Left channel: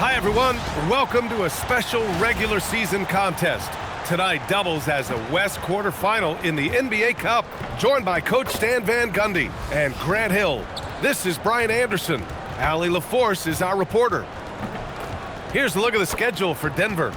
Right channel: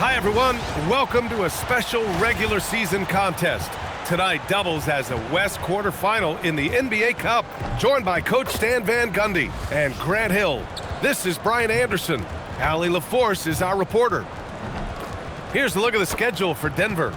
Hi, everyone. Welcome to a special regular season contest. Tonight doubles as a West quarterfinal in the NBA Cup, joined by Coach Stan Van Gundy and Grant Hill. This is Brian Anderson. Allie LaForce is our reporter. Here's a look at the schedule for Denver.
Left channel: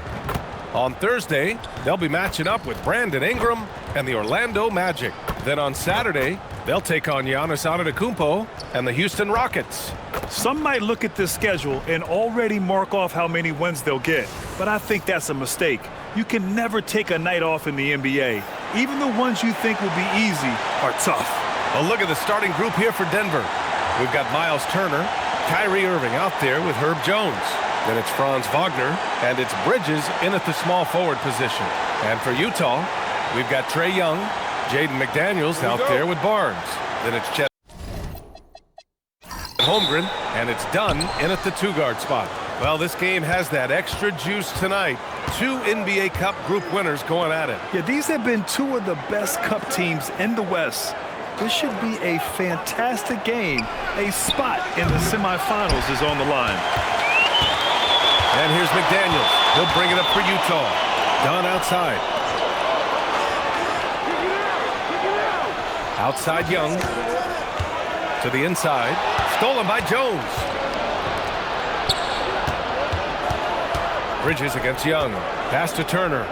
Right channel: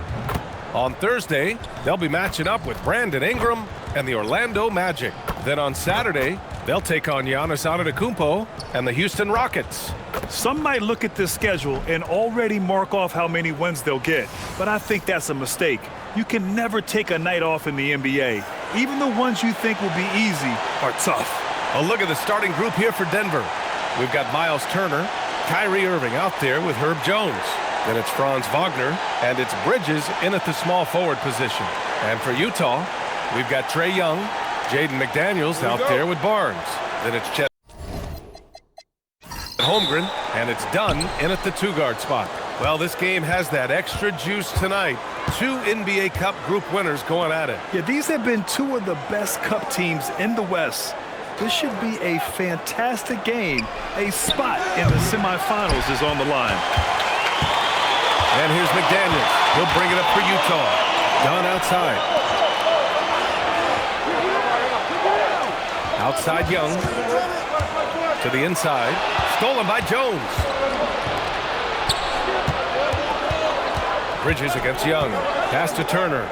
On Thursday, they'll be matching up with Brandon Ingram and the Orlando Magic. Then on Saturday, they'll take on Giannis Antetokounmpo and the Houston Rockets. Some might look at this schedule and already mark off how many wins they'll get, but I think that's a mistake. You can never take a night off in the NBA. Even the ones you think will be easy are tough. A look at the starting group here for Denver. We've got Miles Turner, Kyrie Irving out there with Herb Jones. Then it's Franz Wagner, and it's Bridges in at the small forward position. And for Utah, we've got Trae Young, Jaden McDaniels out there with Barnes. Then it's Chet Holmgren, and it's Dunn in at the two-guard spot. Well, this game has that extra juice tonight. Two NBA Cup group winners going at it. Yeah, these have been two of the best Cup teams in the West. This should be a fantastic game. A spot in the semifinals is on the line. And here's McDaniels. He'll bring it up for Utah. Dunn outside. Outside Young. To the inside. Stolen by Jones. Bridges against Young. Pass to Turner.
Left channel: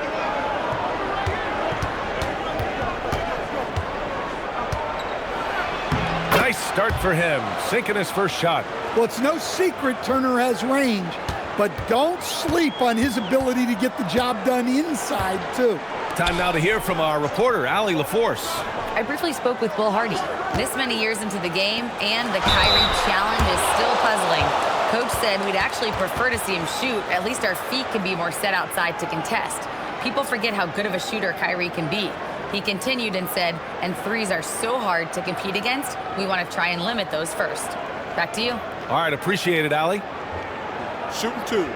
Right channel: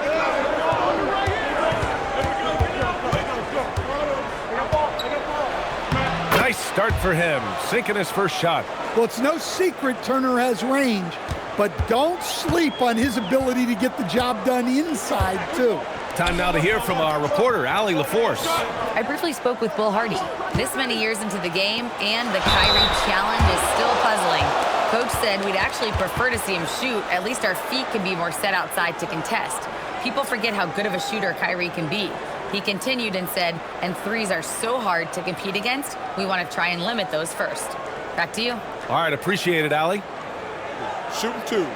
Nice start for him. Sinking his first shot. Well, it's no secret Turner has range, but don't sleep on his ability to get the job done inside, too. Time now to hear from our reporter, Allie LaForce. I briefly spoke with Will Hardy. This many years into the game, and the Kyrie challenge is still puzzling. Coach said we'd actually prefer to see him shoot. At least our feet can be more set outside to contest. People forget how good of a shooter Kyrie can be. He continued and said, and threes are so hard to compete against, we want to try and limit those first. Back to you. All right, appreciate it, Allie. Shooting two.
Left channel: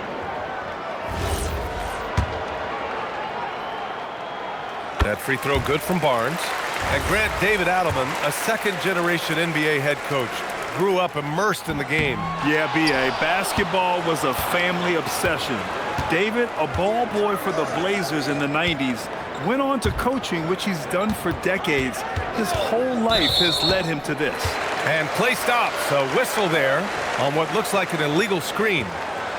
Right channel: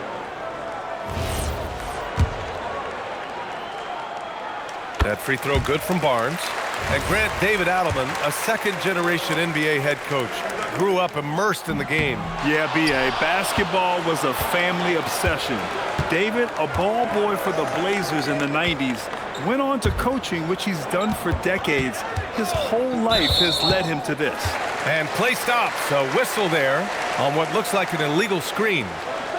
That free throw good from Barnes. And Grant, David Adelman, a second-generation NBA head coach, grew up immersed in the game. Yeah, B.A., basketball was a family obsession. David, a ball boy for the Blazers in the 90s, went on to coaching, which he's done for decades. His whole life has led him to this. And play stops, a whistle there on what looks like an illegal screen.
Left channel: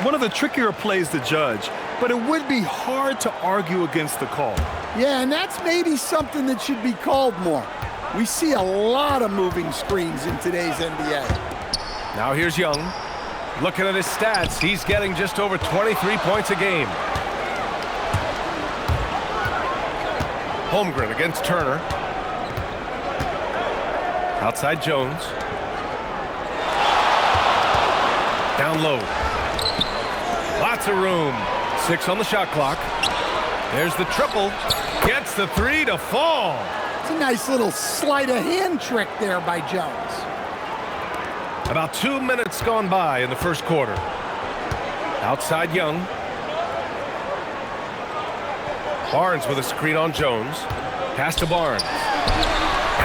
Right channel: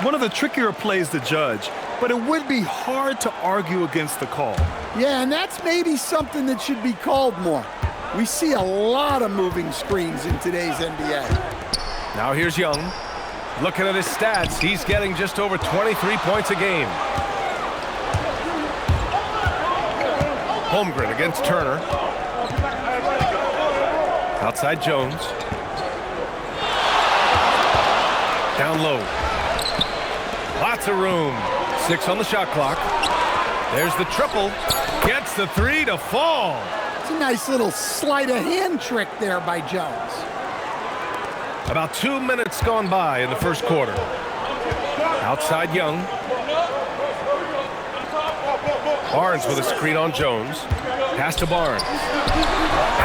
One of the trickier plays to judge, but it would be hard to argue against the call. Yeah, and that's maybe something that should be called more. We see a lot of moving screens in today's NBA. Now here's Young. Looking at his stats, he's getting just over 23 points a game. Holmgren against Turner. Outside Jones. Down low. Lots of room. 6 on the shot clock. There's the triple. Gets the three to fall. It's a nice little sleight of hand trick there by Jones. About 2 minutes gone by in the first quarter. Outside Young. Barnes with a screen on Jones. Pass to Barnes.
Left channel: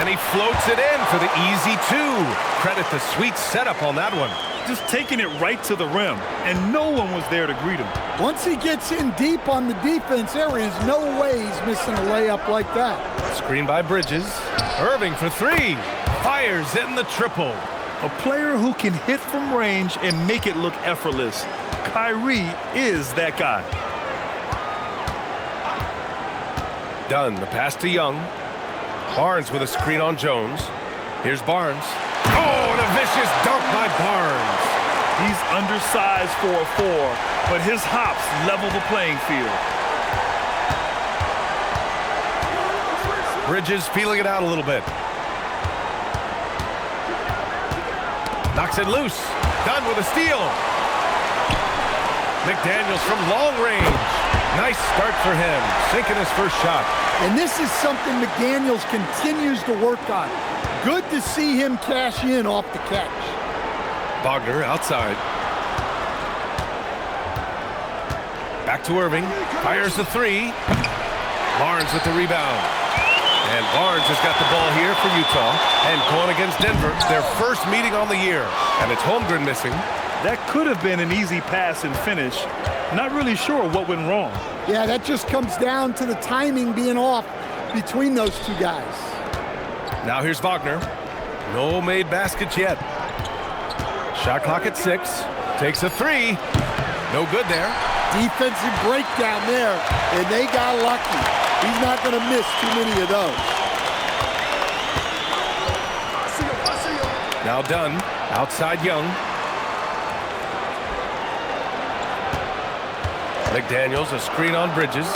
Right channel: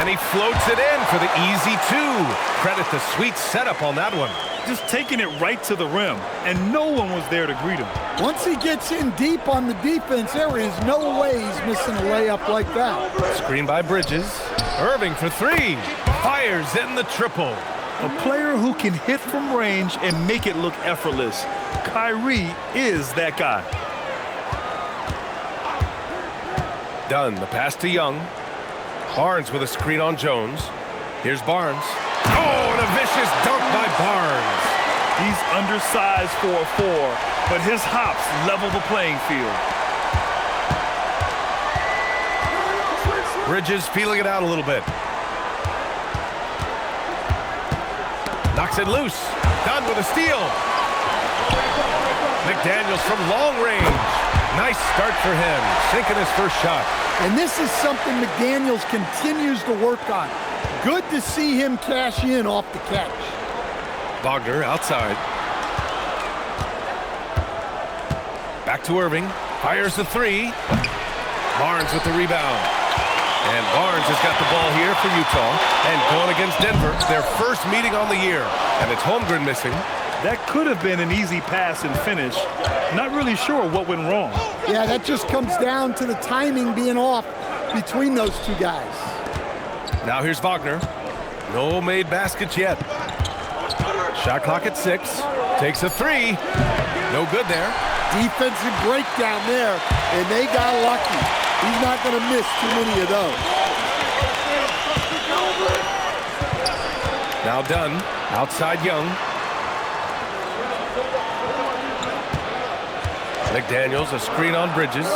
And he floats it in for the easy two. Credit the sweet setup on that one. Just taking it right to the rim, and no one was there to greet him. Once he gets in deep on the defense, there is no way he's missing a layup like that. Screen by Bridges. Irving for three. Fires in the triple. A player who can hit from range and make it look effortless. Kyrie is that guy. Dunn, the pass to Young. Barnes with a screen on Jones. Here's Barnes. Oh, and a vicious dunk by Barnes. He's undersized for a 4, but his hops level the playing field. Bridges feeling it out a little bit. Knocks it loose. Dunn with a steal. McDaniels from long range. Nice start for him, sinking his first shot. And this is something McDaniels continues to work on. Good to see him cash in off the catch. Wagner outside. Back to Irving. Fires the three. Barnes with the rebound. And Barnes has got the ball here for Utah. And going against Denver, their first meeting on the year. And it's Holmgren missing. That could have been an easy pass and finish. Not really sure what went wrong. Yeah, that just comes down to the timing being off between those two guys. Now here's Wagner. No made baskets yet. Shot clock at 6. Takes a 3. No good there. Defensive breakdown there, and they got lucky. He's not going to miss too many of those. Now Dunn, outside Young. McDaniels, a screen on Bridges.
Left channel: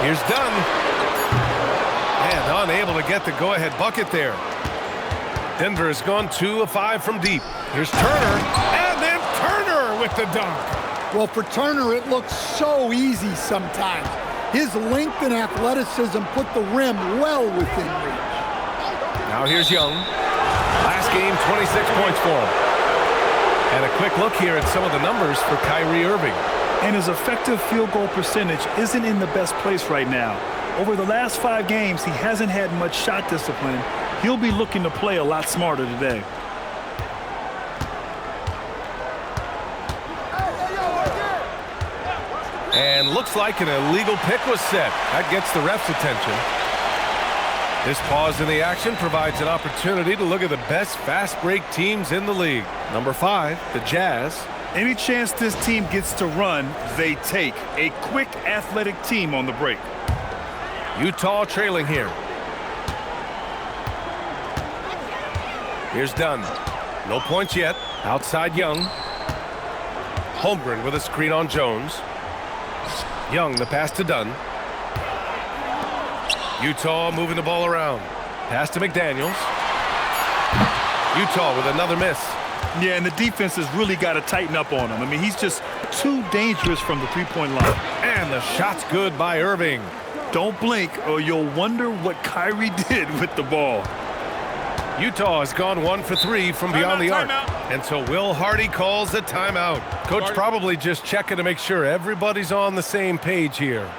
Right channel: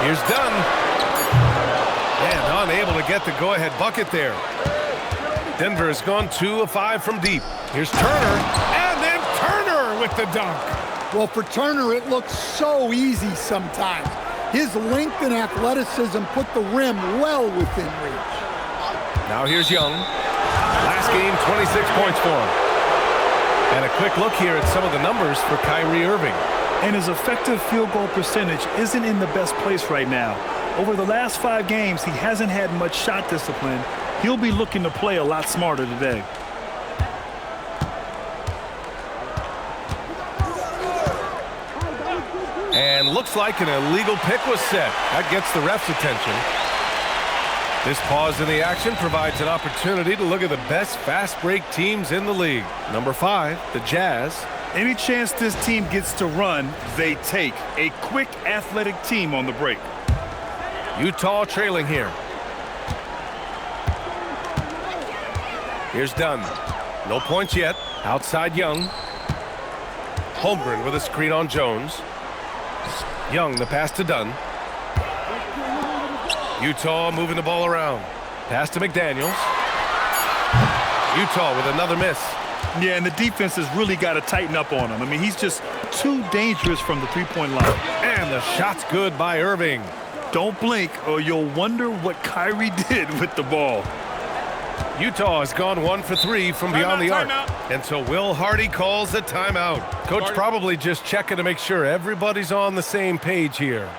Here's Dunn. And unable to get the go-ahead bucket there. Denver has gone 2 of 5 from deep. Here's Turner, and then Turner with the dunk. Well, for Turner, it looks so easy sometimes. His length and athleticism put the rim well within reach. Now here's Young. Last game, 26 points for him. And a quick look here at some of the numbers for Kyrie Irving. And his effective field goal percentage isn't in the best place right now. Over the last 5 games, he hasn't had much shot discipline. He'll be looking to play a lot smarter today. And looks like an illegal pick was set. That gets the ref's attention. This pause in the action provides an opportunity to look at the best fast break teams in the league. Number 5, the Jazz. Any chance this team gets to run, they take. A quick, athletic team on the break. Utah trailing here. Here's Dunn. No points yet. Outside Young. Holmgren with a screen on Jones. Young, the pass to Dunn. Utah moving the ball around. Pass to McDaniels. Utah with another miss. Yeah, and the defense has really got to tighten up on him. I mean, he's just too dangerous from the three-point line. And the shot's good by Irving. Don't blink or you'll wonder what Kyrie did with the ball. Utah has gone 1 for 3 from beyond the arc. And so Will Hardy calls a timeout. Coach probably just checking to make sure everybody's on the same page here.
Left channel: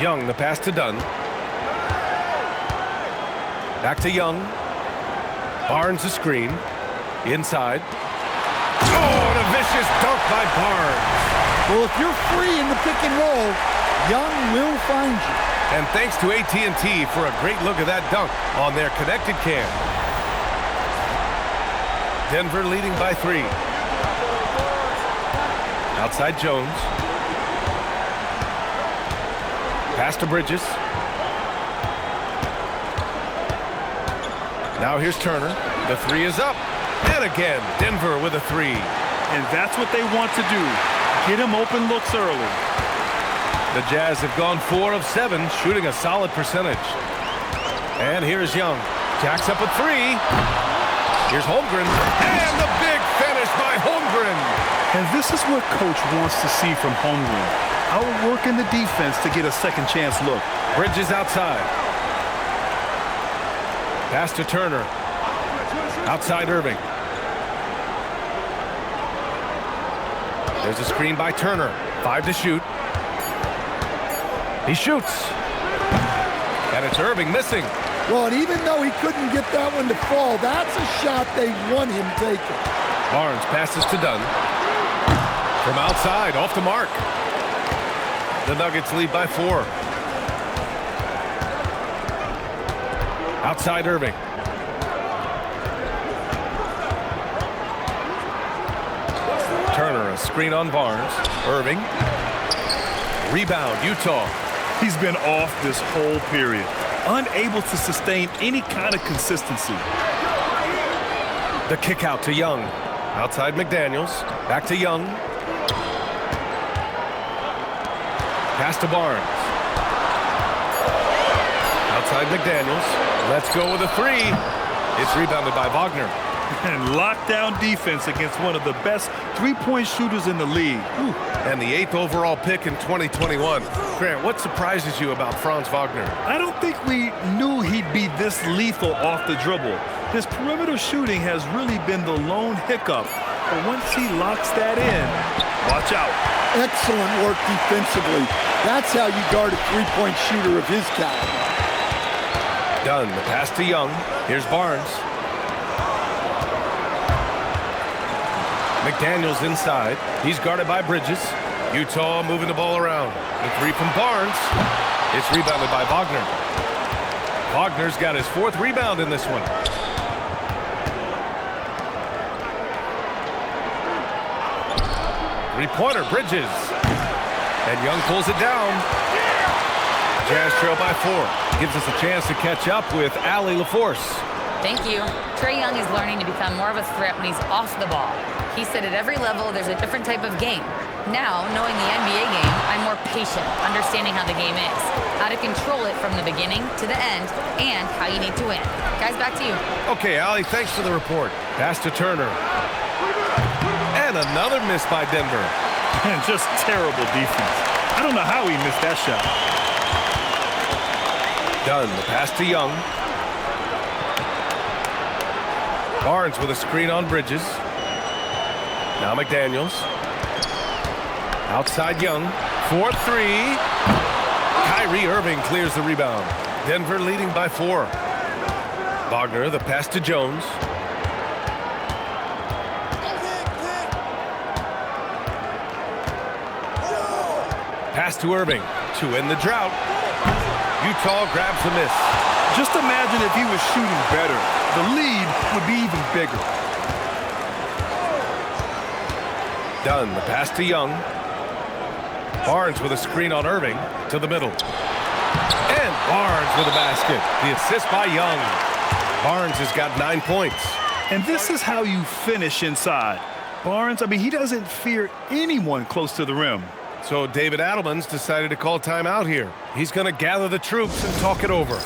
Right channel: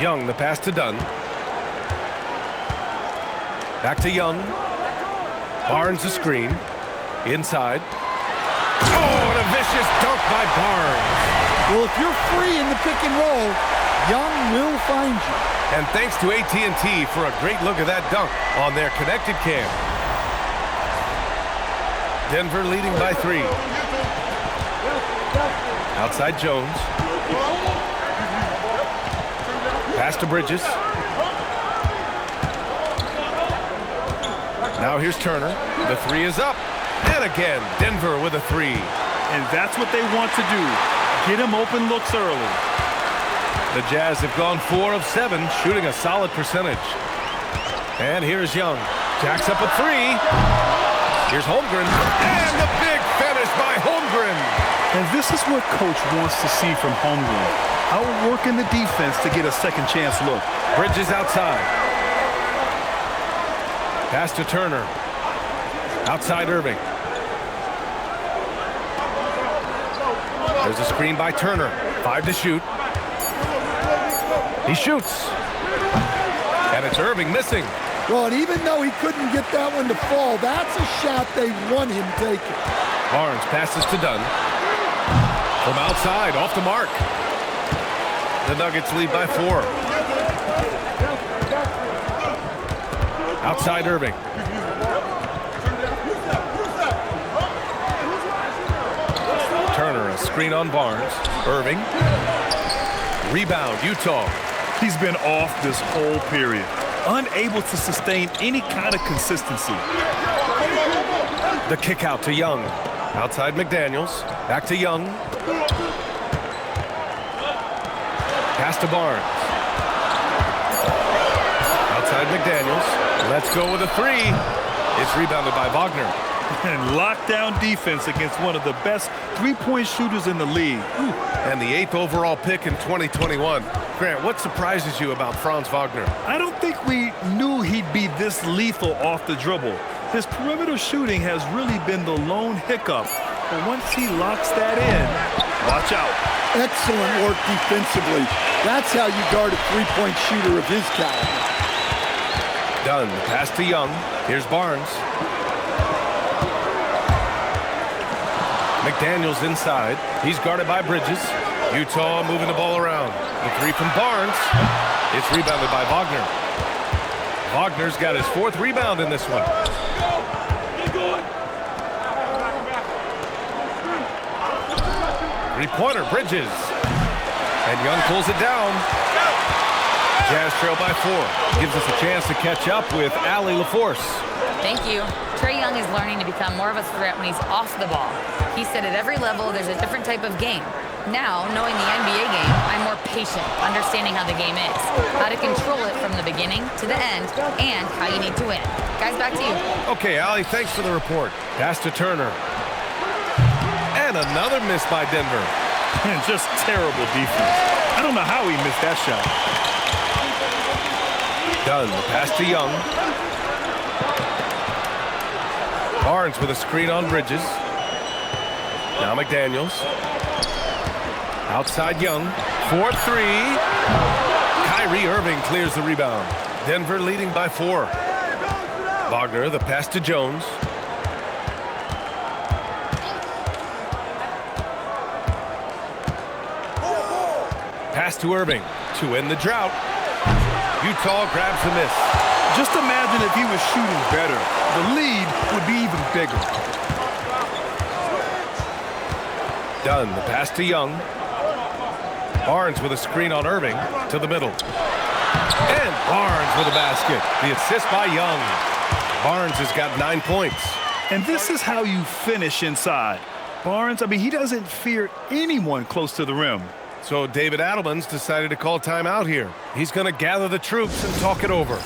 Young, the pass to Dunn. Back to Young. Barnes the screen. Inside. Oh, and a vicious dunk by Barnes. Well, if you're free in the pick and roll, Young will find you. And thanks to AT&T for a great look at that dunk on their connected cam. Denver leading by 3. Outside Jones. Pass to Bridges. Now here's Turner. The 3 is up. And again, Denver with a 3. And that's what they want to do. Get him open looks early. The Jazz have gone 4 of 7, shooting a solid percentage. And here's Young. Jacks up a 3. Here's Holmgren, and the big finish by Holmgren. And this is what Coach wants to see from Holmgren. Outworking the defense to get a second chance look. Bridges outside. Pass to Turner. Outside Irving. There's a screen by Turner. 5 to shoot. He shoots. And it's Irving missing. Well, and even though he couldn't get that one to fall, that's a shot they want him taking. Barnes passes to Dunn. From outside, off the mark. The Nuggets lead by 4. Outside Irving. Turner, a screen on Barnes. Irving. Rebound, Utah. He's been off this whole period, unable to sustain any kind of consistency. The kick out to Young. Outside McDaniels. Back to Young. Pass to Barnes. Outside McDaniels. Let's go with a 3. It's rebounded by Wagner. And lockdown defense against one of the best three-point shooters in the league. And the 8th overall pick in 2021. Grant, what surprises you about Franz Wagner? I don't think we knew he'd be this lethal off the dribble. His perimeter shooting has really been the lone hiccup. But once he locks that in, watch out. Excellent work defensively. That's how you guard a three-point shooter of his caliber. Dunn, the pass to Young. Here's Barnes. McDaniels inside. He's guarded by Bridges. Utah moving the ball around. The 3 from Barnes. It's rebounded by Wagner. Wagner's got his 4th rebound in this one. Three-pointer, Bridges. And Young pulls it down. Jazz trail by 4. Gives us a chance to catch up with Allie LaForce. Thank you. Trae Young is learning to become more of a threat when he's off the ball. He said at every level there's a different type of game. Now, knowing the NBA game, I'm more patient, understanding how the game is, how to control it from the beginning to the end, and how you need to win. Guys, back to you. Okay, Allie, thanks for the report. Pass to Turner. And another miss by Denver. And just terrible defense. I don't know how he missed that shot. Dunn, the pass to Young. Barnes with a screen on Bridges. Now McDaniels. Outside Young. 4-3. Kyrie Irving clears the rebound. Denver leading by 4. Wagner, the pass to Jones. Pass to Irving to end the drought. Utah grabs the miss. Just imagine if he was shooting better. The lead would be even bigger. Dunn, the pass to Young. Barnes with a screen on Irving to the middle. And Barnes with a basket. The assist by Young. Barnes has got 9 points. And this is how you finish inside. Barnes, I mean, he doesn't fear anyone close to the rim. So David Adelman's decided to call timeout here. He's going to gather the troops and talk it over.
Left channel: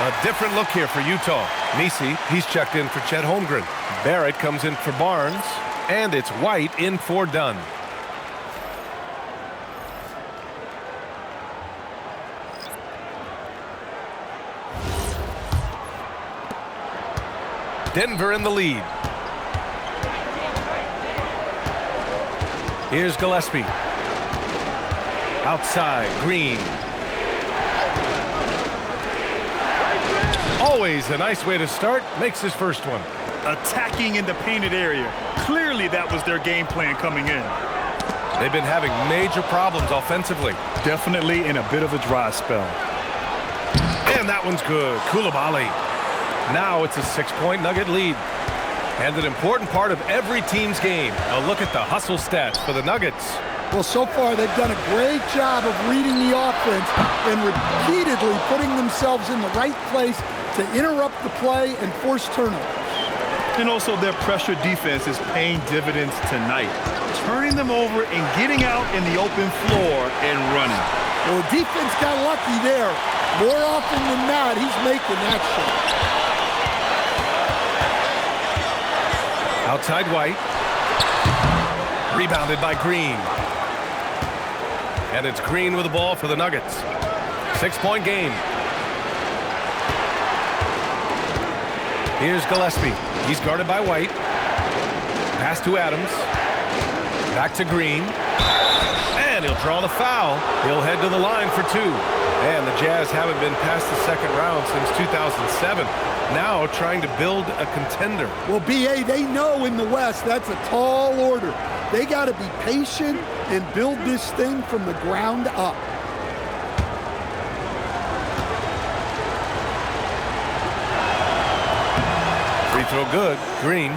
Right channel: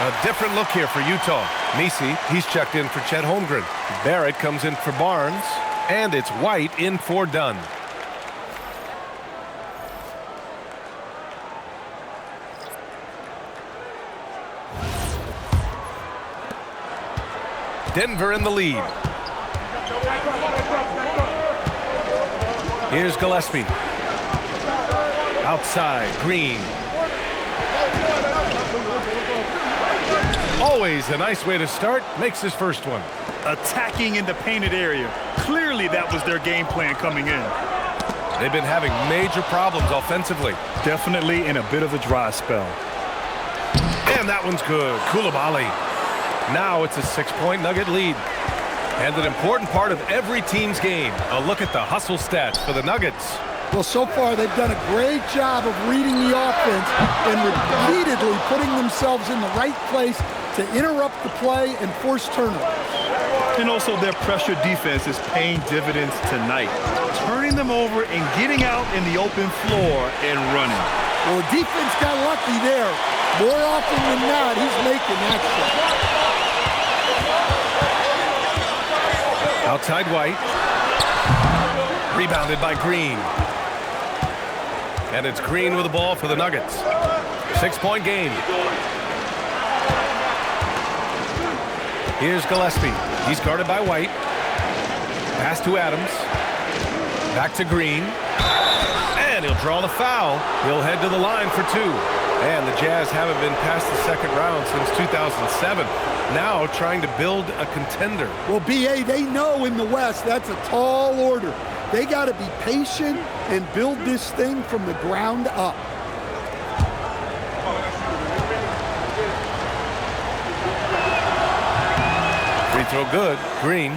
A different look here for Utah. Nisi, he's checked in for Chet Holmgren. Barrett comes in for Barnes. And it's White in for Dunn. Denver in the lead. Here's Gillespie. Outside, Green. Always a nice way to start. Makes his first one. Attacking in the painted area. Clearly that was their game plan coming in. They've been having major problems offensively. Definitely in a bit of a dry spell. And that one's good. Koulibaly. Now it's a 6-point Nugget lead. And an important part of every team's game. A look at the hustle stats for the Nuggets. Well, so far they've done a great job of reading the offense and repeatedly putting themselves in the right place to interrupt the play and force turnovers. And also their pressure defense is paying dividends tonight. Turning them over and getting out in the open floor and running. Well, the defense got lucky there. More often than not, he's making that shot. Outside White. Rebounded by Green. And it's Green with the ball for the Nuggets. 6-point game. Here's Gillespie. He's guarded by White. Pass to Adams. Back to Green. And he'll draw the foul. He'll head to the line for 2. And the Jazz haven't been past the second round since 2007. Now trying to build a contender. Well, BA, they know in the West that's a tall order. They got to be patient and build this thing from the ground up. Free throw good. Green.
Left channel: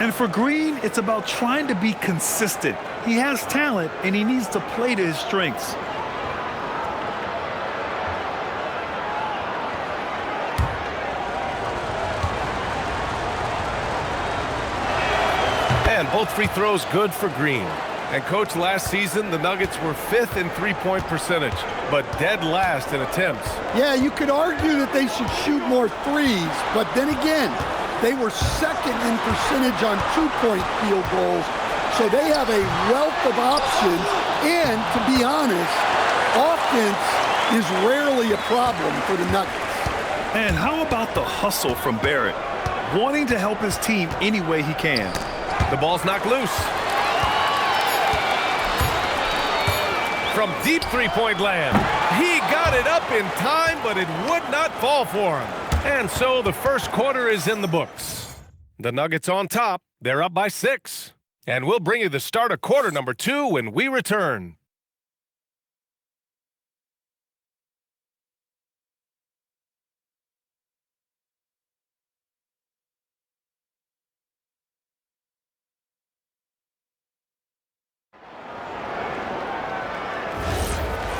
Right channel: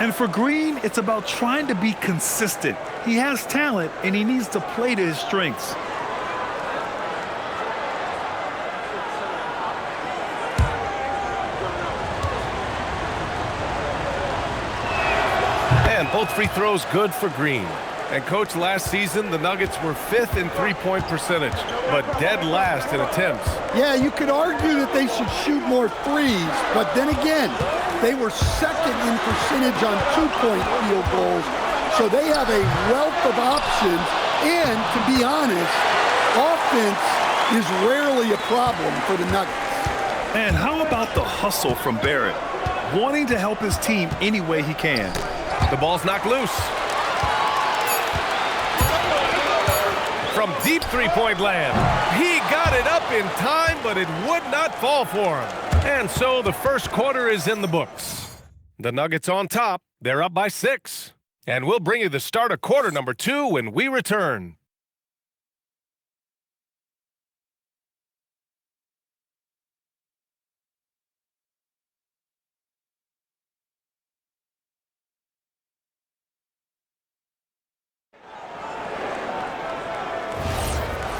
And for Green, it's about trying to be consistent. He has talent, and he needs to play to his strengths. And both free throws good for Green. And, Coach, last season, the Nuggets were 5th in three-point percentage, but dead last in attempts. Yeah, you could argue that they should shoot more threes, but then again, they were 2nd in percentage on 2-point field goals, so they have a wealth of options. And, to be honest, offense is rarely a problem for the Nuggets. And how about the hustle from Barrett? Wanting to help his team any way he can. The ball's knocked loose. From deep three-point land. He got it up in time, but it would not fall for him. And so the first quarter is in the books. The Nuggets on top. They're up by 6. And we'll bring you the start of quarter number 2 when we return.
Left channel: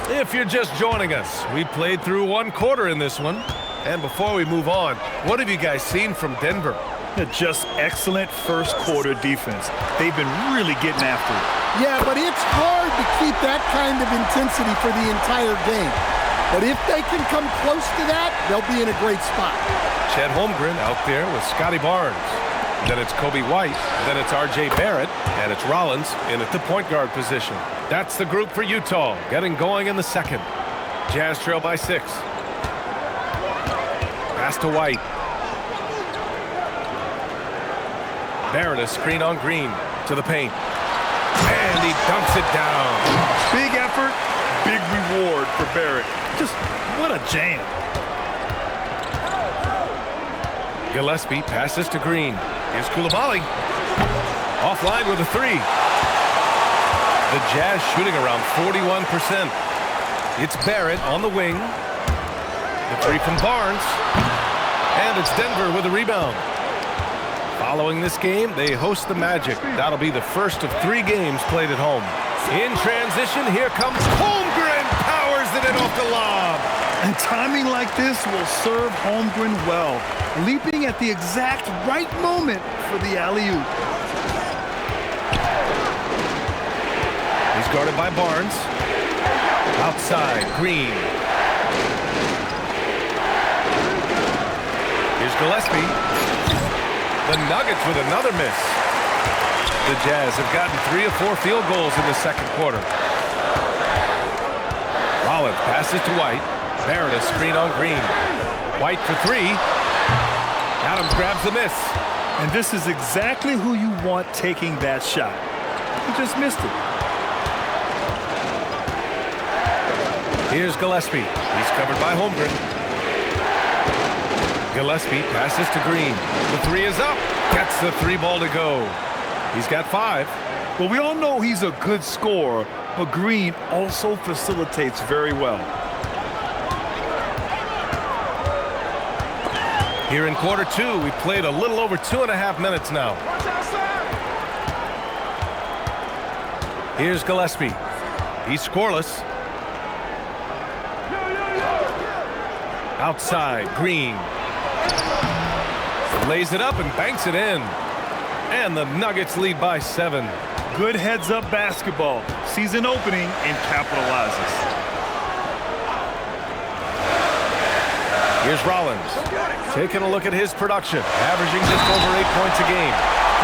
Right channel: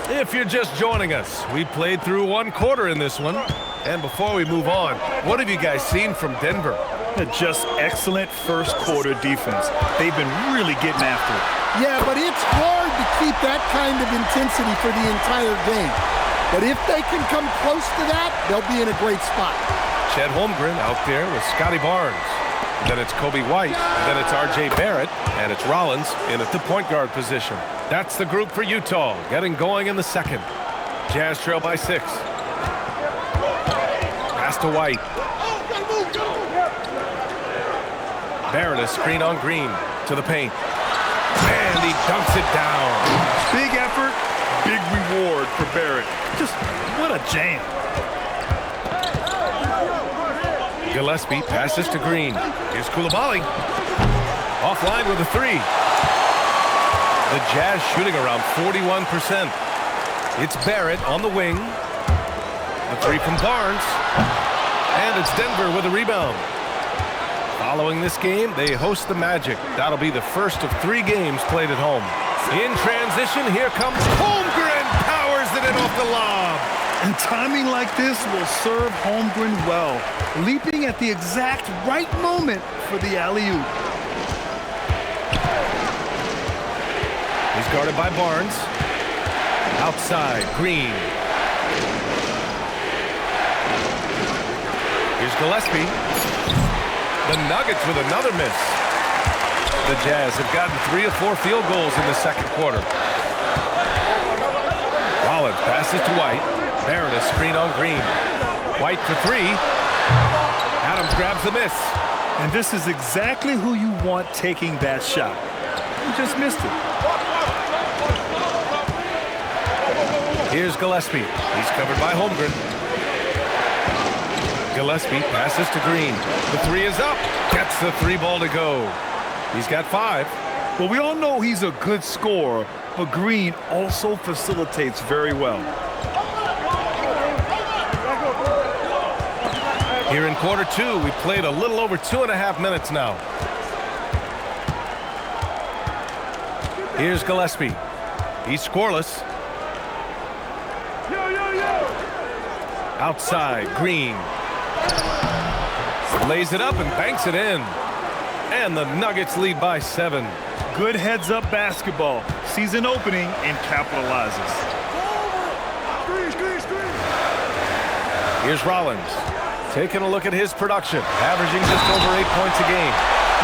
If you're just joining us, we played through 1 quarter in this one. And before we move on, what have you guys seen from Denver? Just excellent first quarter defense. They've been really getting after it. Yeah, but it's hard to keep that kind of intensity for the entire game. But if they can come close to that, they'll be in a great spot. Chet Holmgren out there with Scotty Barnes. Then it's Kobe White. Then it's R.J. Barrett. And it's Rollins in at the point guard position. That's the group for Utah, getting going in the second. Jazz trail by 6. Pass to White. Barrett, a screen on Green to the paint. And he dunks it down. Big effort, big reward for Barrett. Just what a jam. Gillespie passes to Green. Here's Koulibaly. Offline with a 3. The Jazz shooting around 41%. It's Barrett on the wing. The 3 from Barnes. And it's Denver with a rebound. Following this game, they host the Magic. That'll be the first of 3 games played at home. In transition, here comes Holmgren. Powers it in off the lob. And timing like this will serve Holmgren well. Leaping at the exact right moment for the alley-oop. He's guarded by Barnes. Outside, Green. Here's Gillespie. The Nuggets with another miss. The Jazz have gotten 3 of 4 field goals in the second quarter. Rollins passes to White. Barrett a screen on Green. White for 3. Adams grabs the miss. And this is exactly who you want taking that shot. You just missed it. Here's Gillespie. He's covered by Holmgren. Gillespie passes to Green. The three is up. Gets the three ball to go. He's got 5. Well, we all know he's a good scorer, but Green also facilitates very well. Here in quarter 2, we played a little over 2.5 minutes now. Here's Gillespie. He's scoreless. Outside, Green. Lays it up and banks it in. And the Nuggets lead by 7. Good heads-up basketball. Sees an opening and capitalizes. Here's Rollins. Taking a look at his production. Averaging just over 8 points a game.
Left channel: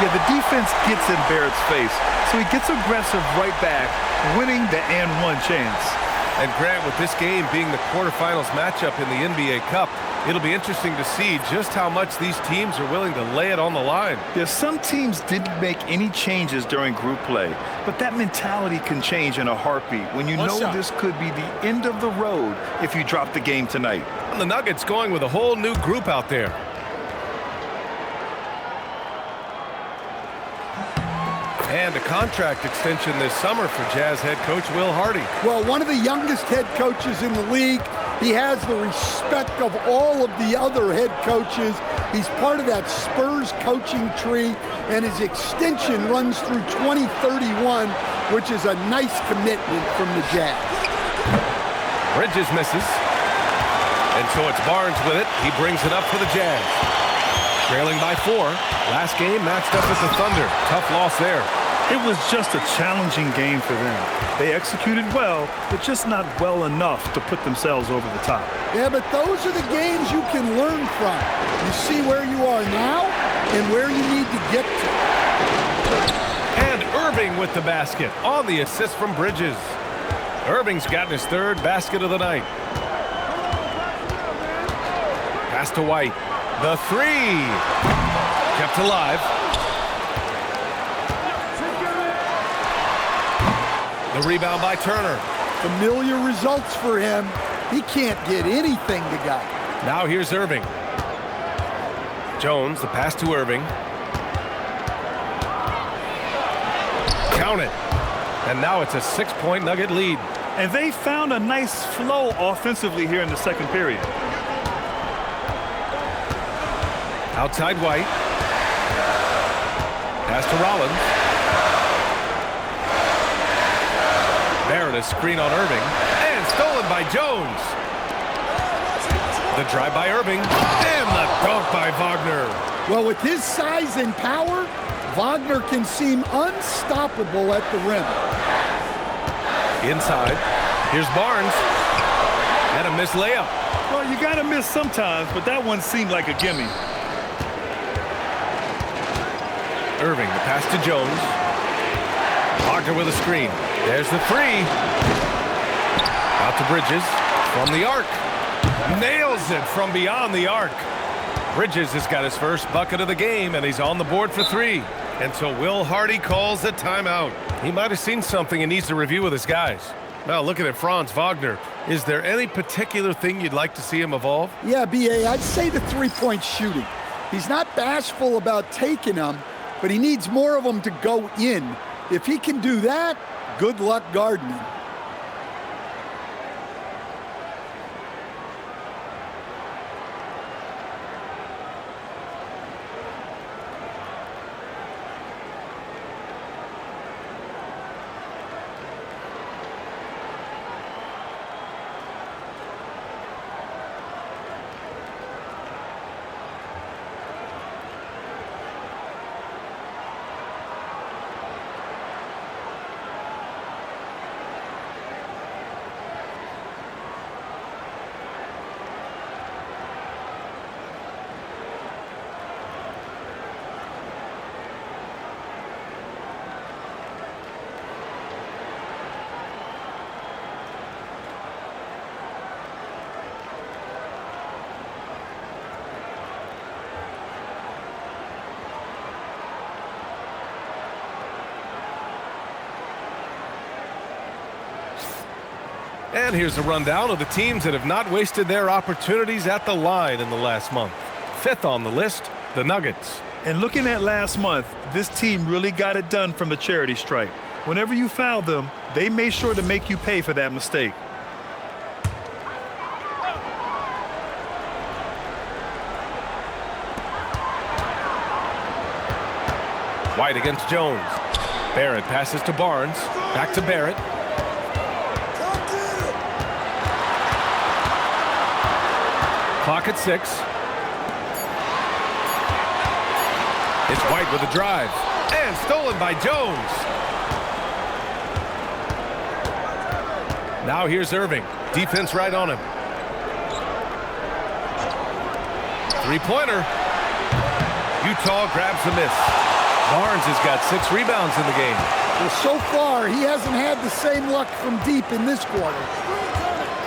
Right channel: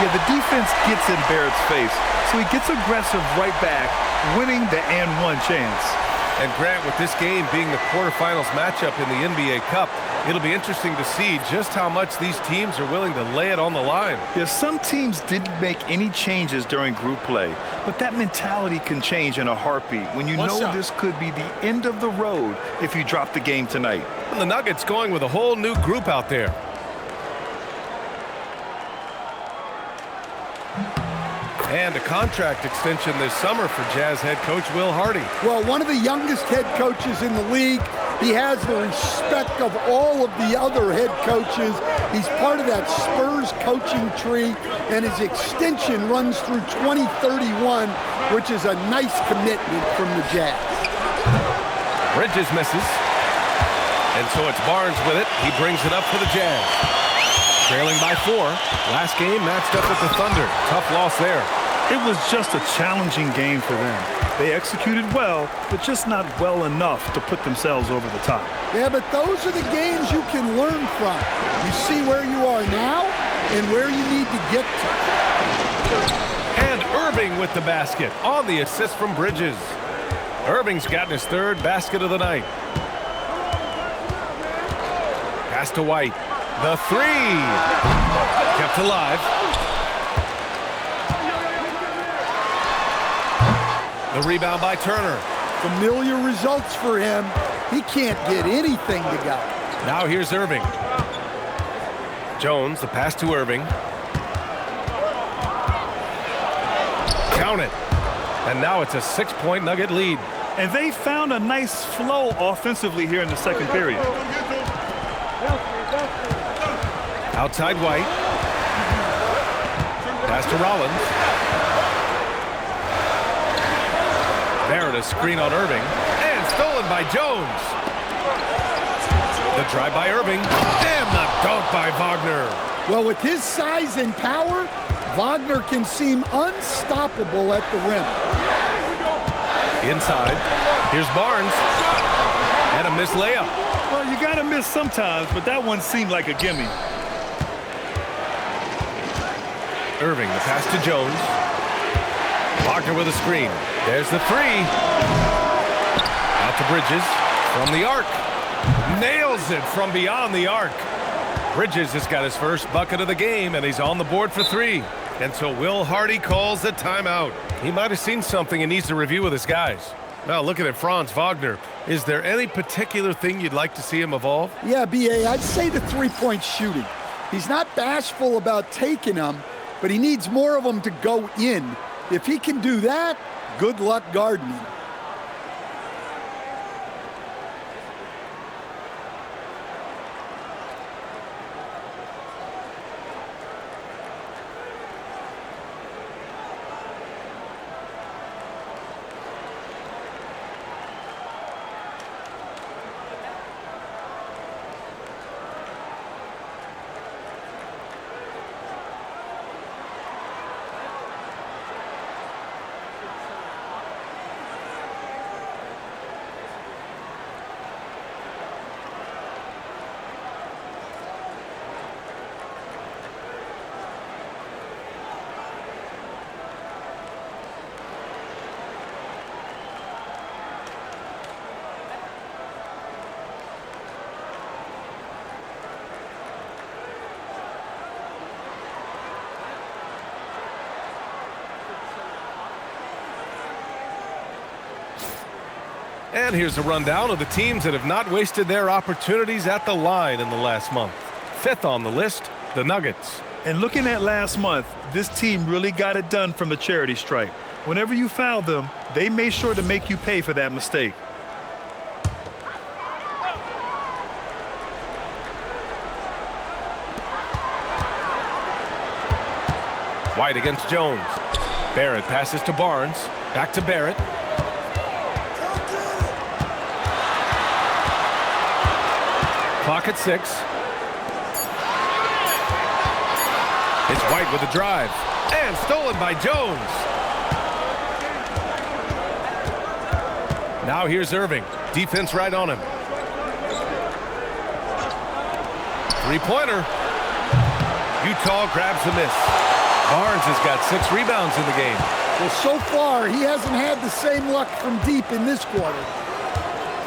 Yeah, the defense gets in Barrett's face, so he gets aggressive right back, winning the and one chance. And Grant, with this game being the quarterfinals matchup in the NBA Cup, it'll be interesting to see just how much these teams are willing to lay it on the line. Yeah, some teams didn't make any changes during group play, but that mentality can change in a heartbeat when you know this could be the end of the road if you drop the game tonight. And the Nuggets going with a whole new group out there. And a contract extension this summer for Jazz head coach Will Hardy. Well, one of the youngest head coaches in the league. He has the respect of all of the other head coaches. He's part of that Spurs coaching tree, and his extension runs through 2031, which is a nice commitment from the Jazz. Bridges misses. And so it's Barnes with it. He brings it up for the Jazz. Trailing by 4. Last game matched up with the Thunder. Tough loss there. It was just a challenging game for them. They executed well, but just not well enough to put themselves over the top. Yeah, but those are the games you can learn from. You see where you are now and where you need to get to. And Irving with the basket on the assist from Bridges. Irving's gotten his 3rd basket of the night. Pass to White. The 3. Kept alive. The rebound by Turner. Familiar results for him. He can't get anything to go. Now here's Irving. Jones, the pass to Irving. Count it. And now it's a 6-point Nugget lead. And they found a nice flow offensively here in the second period. Outside White. Pass to Rollins. Barrett, a screen on Irving. And stolen by Jones. The drive by Irving. And the dunk by Wagner. Well, with his size and power, Wagner can seem unstoppable at the rim. Inside. Here's Barnes. And a missed layup. Well, you got to miss sometimes, but that one seemed like a gimme. Irving, the pass to Jones. Wagner with a screen. There's the 3. Out to Bridges from the arc. Nails it from beyond the arc. Bridges has got his first bucket of the game, and he's on the board for 3. And so Will Hardy calls a timeout. He might have seen something and needs to review with his guys. Now looking at Franz Wagner, is there any particular thing you'd like to see him evolve? Yeah, B.A., I'd say the three-point shooting. He's not bashful about taking them, but he needs more of them to go in. If he can do that, good luck gardening. And here's a rundown of the teams that have not wasted their opportunities at the line in the last month. Fifth on the list, the Nuggets. And looking at last month, this team really got it done from the charity stripe. Whenever you fouled them, they made sure to make you pay for that mistake. White against Jones. Barrett passes to Barnes. Back to Barrett. Clock at 6. It's White with a drive. And stolen by Jones. Now here's Irving. Defense right on him. Three-pointer. Utah grabs the miss. Barnes has got 6 rebounds in the game. Well, so far, he hasn't had the same luck from deep in this quarter.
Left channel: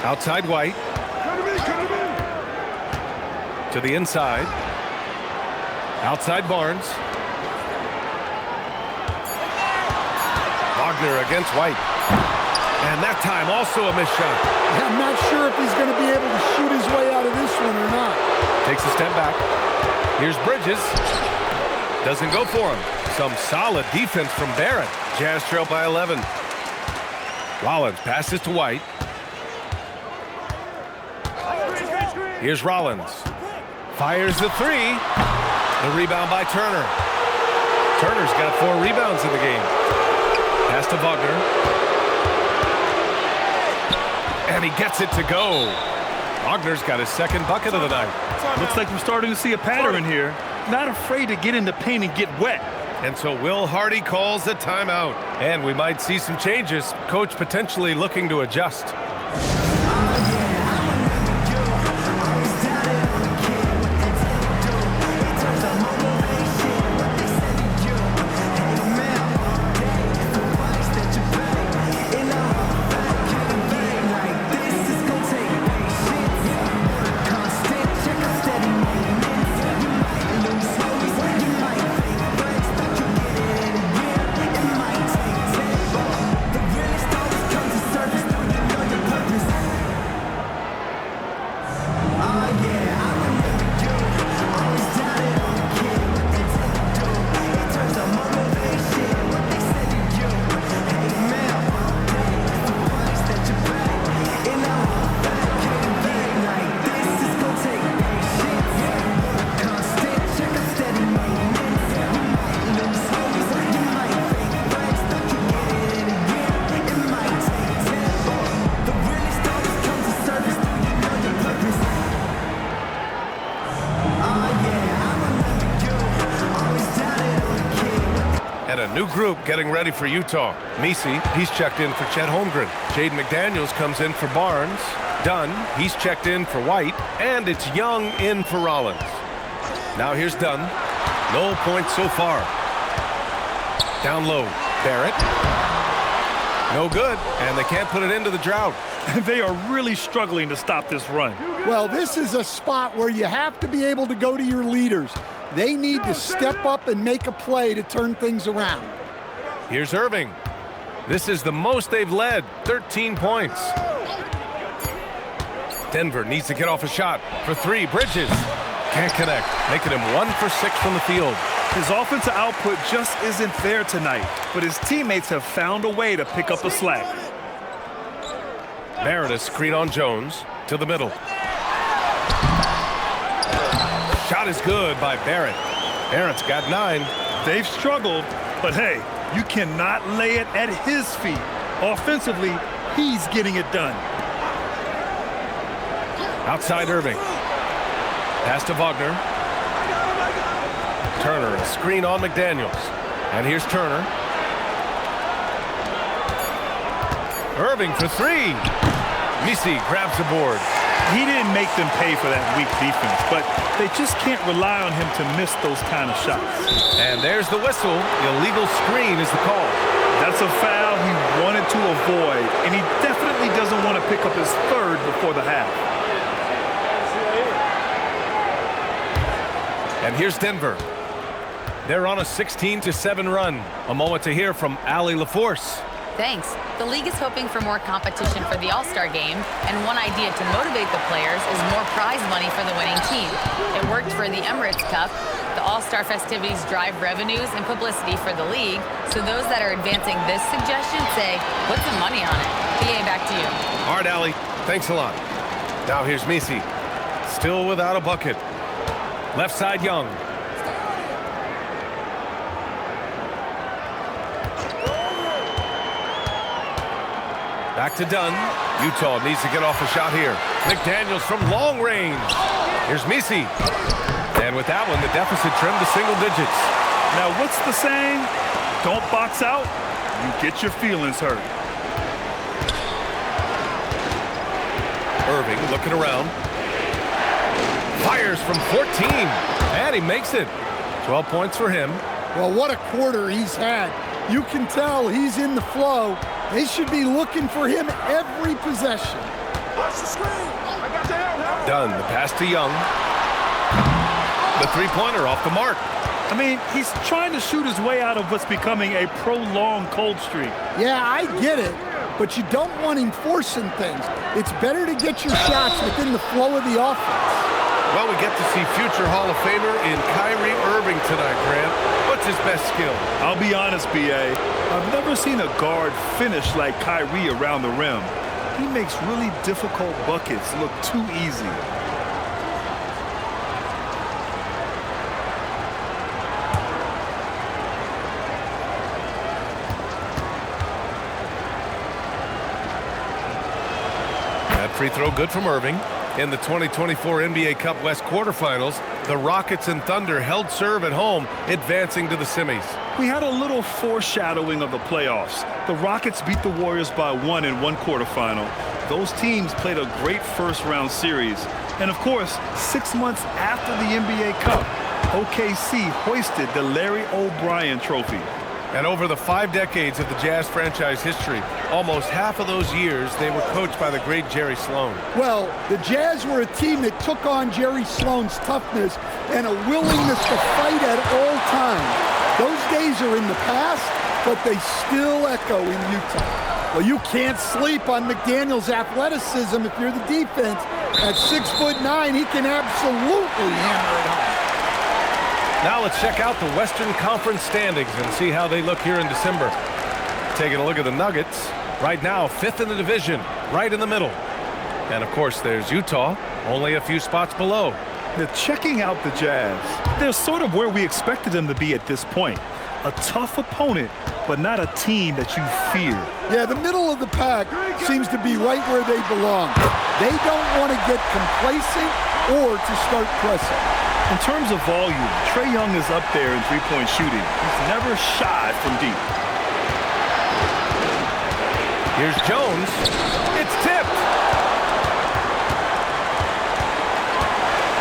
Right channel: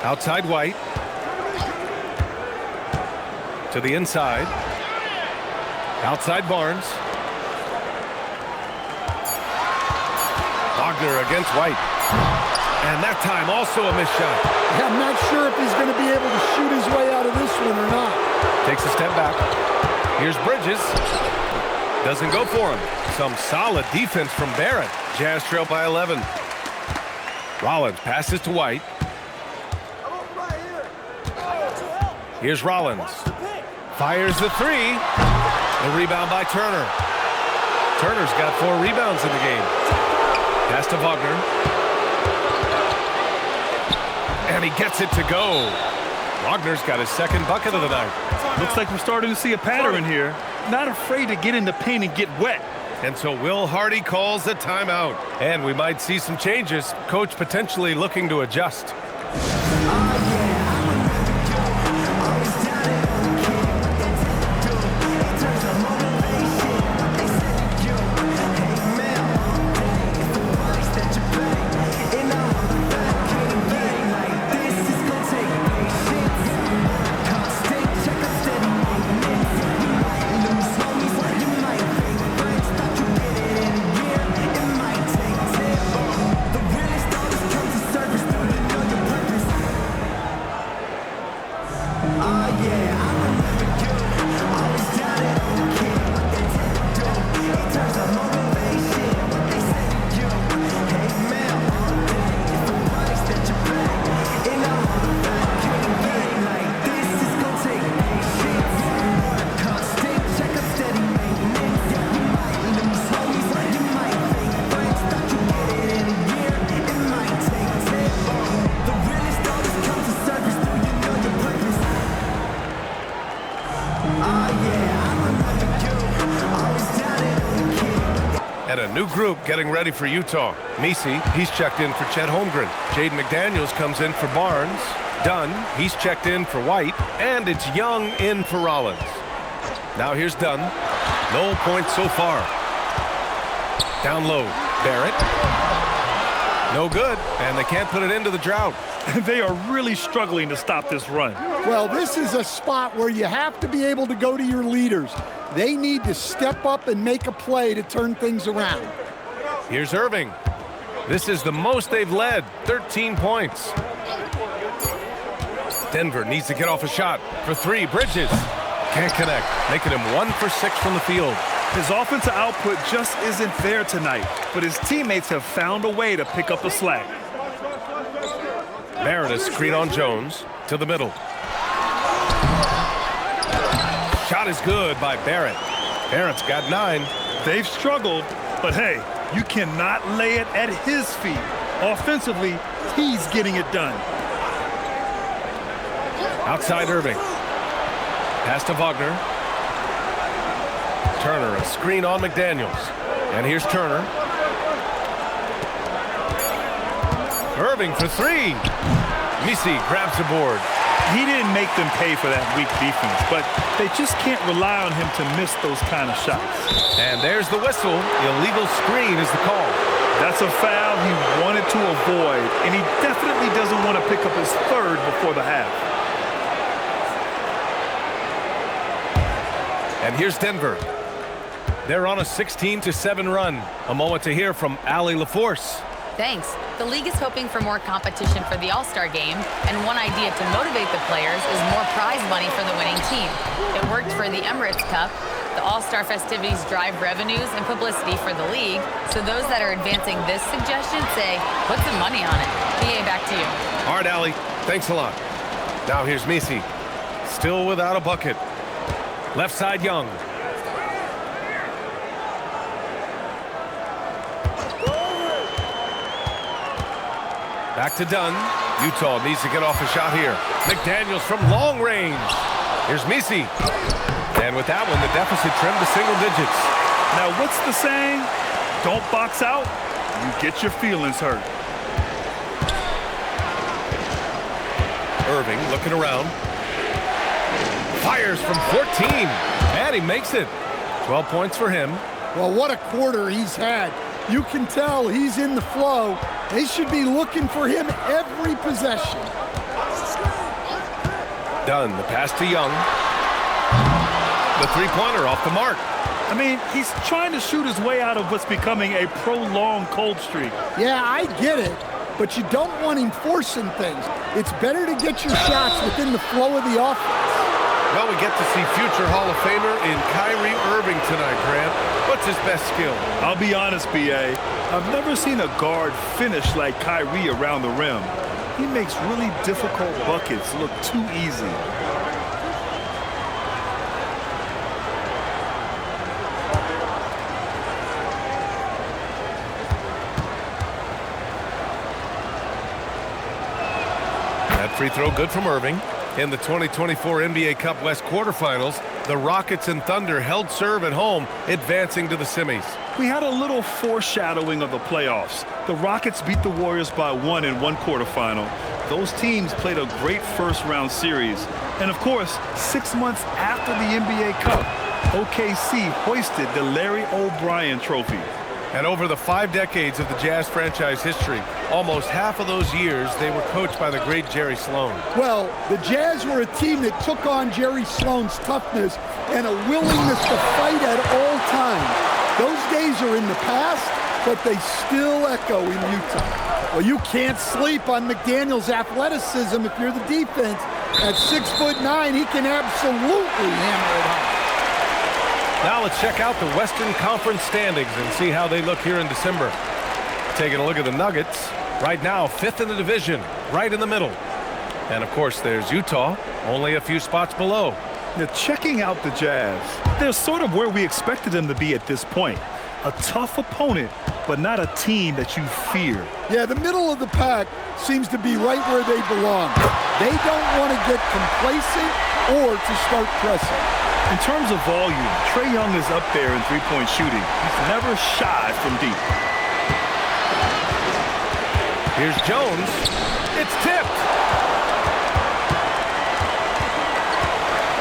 Outside White. To the inside. Outside Barnes. Wagner against White. And that time also a missed shot. Yeah, I'm not sure if he's going to be able to shoot his way out of this one or not. Takes a step back. Here's Bridges. Doesn't go for him. Some solid defense from Barrett. Jazz trail by 11. Rollins passes to White. Here's Rollins. Fires the 3. The rebound by Turner. Turner's got 4 rebounds in the game. Pass to Wagner. And he gets it to go. Wagner's got his second bucket of the night. Looks like we're starting to see a pattern here. Not afraid to get in the paint and get wet. And so Will Hardy calls a timeout. And we might see some changes. Coach potentially looking to adjust. And a new group getting ready for Utah. Messi, he's checked in for Chet Holmgren. Jaden McDaniels comes in for Barnes. Dunn, he's checked in for White. And it's Young in for Rollins. Now here's Dunn. No points so far. Down low, Barrett. No good, and they can't put it into the drought. They are really struggling to stop this run. Well, this is a spot where you have to be able to go to your leaders. They need to step up and make a play to turn things around. Here's Irving. This is the most they've led, 13 points. Denver needs to get off a shot for 3. Bridges can't connect, making him 1 for 6 from the field. His offensive output just isn't there tonight, but his teammates have found a way to pick up the slack. Barrett screen on Jones to the middle. Shot is good by Barrett. Barrett's got 9. They've struggled, but hey, you cannot lay it at his feet. Offensively, he's getting it done. Outside Irving. Pass to Wagner. Turner, a screen on McDaniels. And here's Turner. Irving for 3. Messi grabs the board. He didn't make them pay for that weak defense, but they just can't rely on him to miss those kind of shots. And there's the whistle. Illegal screen is the call. That's a foul he wanted to avoid, and he definitely doesn't want to pick up his 3rd before the half. And here's Denver. They're on a 16-7 run. A moment to hear from Allie LaForce. Thanks. The league is hoping for more competition for the All-Star game, and one idea to motivate the players is more prize money for the winning team. It worked for the Emirates Cup. The All-Star festivities drive revenues and publicity for the league, so those that are advancing this suggestion say, put some money on it. PA, back to you. All right, Allie. Thanks a lot. Now here's Messi. Still without a bucket. Left side, Young. Back to Dunn. Utah needs to get off a shot here. McDaniels from long range. Here's Messi. And with that one, the deficit trimmed to single digits. Now, what's the saying? Don't box out, you get your feelings hurt. Irving looking around. Fires from 14. And he makes it. 12 points for him. Well, what a quarter he's had. You can tell he's in the flow. They should be looking for him every possession. Dunn, the pass to Young. The three-pointer off the mark. I mean, he's trying to shoot his way out of what's becoming a prolonged cold streak. Yeah, I get it, but you don't want him forcing things. It's better to get your shots within the flow of the offense. Well, we get to see future Hall of Famer in Kyrie Irving tonight, Grant. What's his best skill? I'll be honest, BA. I've never seen a guard finish like Kyrie around the rim. He makes really difficult buckets look too easy. That free throw good from Irving. In the 2024 NBA Cup West quarterfinals, the Rockets and Thunder held serve at home, advancing to the semis. We had a little foreshadowing of the playoffs. The Rockets beat the Warriors by 1 in one quarterfinal. Those teams played a great first-round series. And, of course, 6 months after the NBA Cup, OKC hoisted the Larry O'Brien Trophy. And over the 5 decades of the Jazz franchise history, almost half of those years, they were coached by the great Jerry Sloan. Well, the Jazz were a team that took on Jerry Sloan's toughness and a willingness to fight at all times. Those days are in the past, but they still echo in Utah. Well, you can't sleep on McDaniels' athleticism if you're the defense. At 6'9", he can absolutely hammer it home. Now let's check out the Western Conference standings and see how they look here in December. Taking a look at the Nuggets. Right now, 5th in the division, right in the middle. And, of course, there's Utah, only a few spots below. Now, checking out the Jazz, they're sort of where we expected them to be at this point. A tough opponent, but not a team that you fear. Yeah, the middle of the pack seems to be right where they belong. They don't want to get complacent or to start pressing. In terms of volume, Trae Young is up there in three-point shooting. He's never shy from deep. Here's Jones. It's tipped.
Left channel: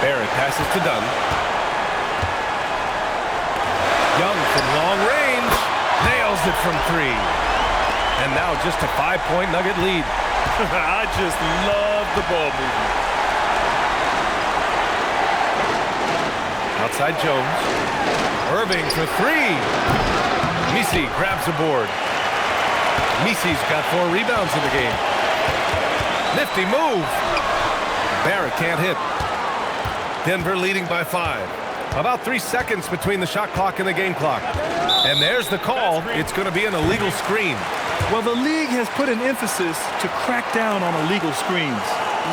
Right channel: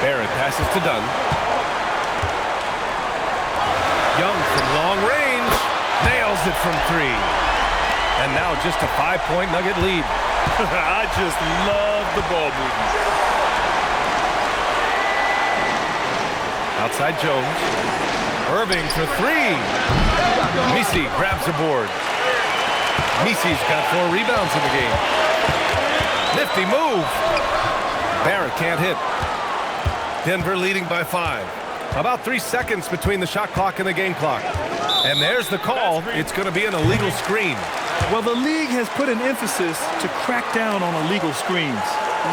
Barrett passes to Dunn. Young from long range. Nails it from 3. And now just a 5-point Nugget lead. I just love the ball movement. Outside Jones. Irving for 3. Messi grabs the board. Messi's got 4 rebounds in the game. Nifty move. Barrett can't hit. Denver leading by 5. About 3 seconds between the shot clock and the game clock. And there's the call. It's going to be an illegal screen. Well, the league has put an emphasis to crack down on illegal screens.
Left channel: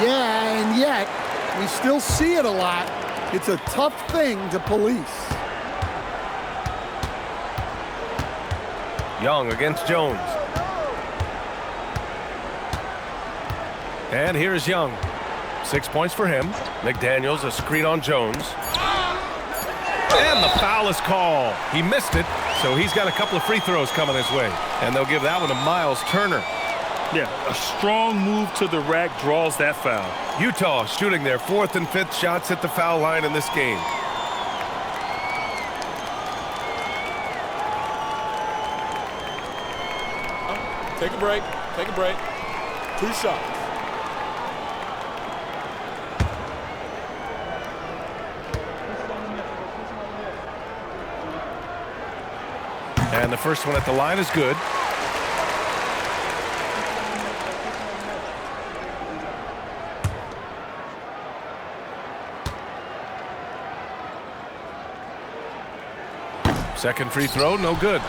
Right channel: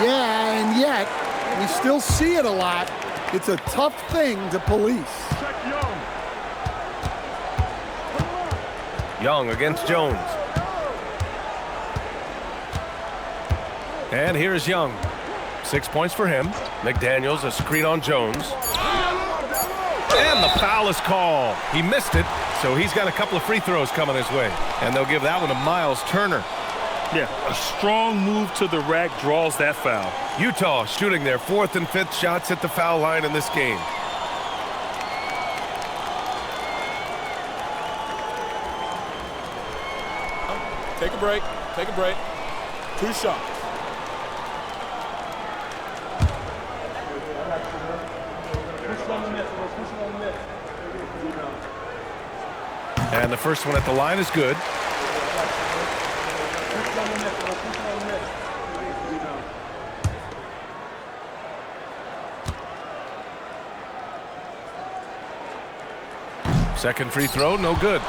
Yeah, and yet we still see it a lot. It's a tough thing to police. Young against Jones. And here is Young. 6 points for him. McDaniels, a screen on Jones. And the foul is called. He missed it, so he's got a couple of free throws coming his way. And they'll give that one to Miles Turner. Yeah, a strong move to the rack draws that foul. Utah shooting their 4th and 5th shots at the foul line in this game. Take a break. Take a break. 2 shots. And the first one at the line is good. Second free throw, no good.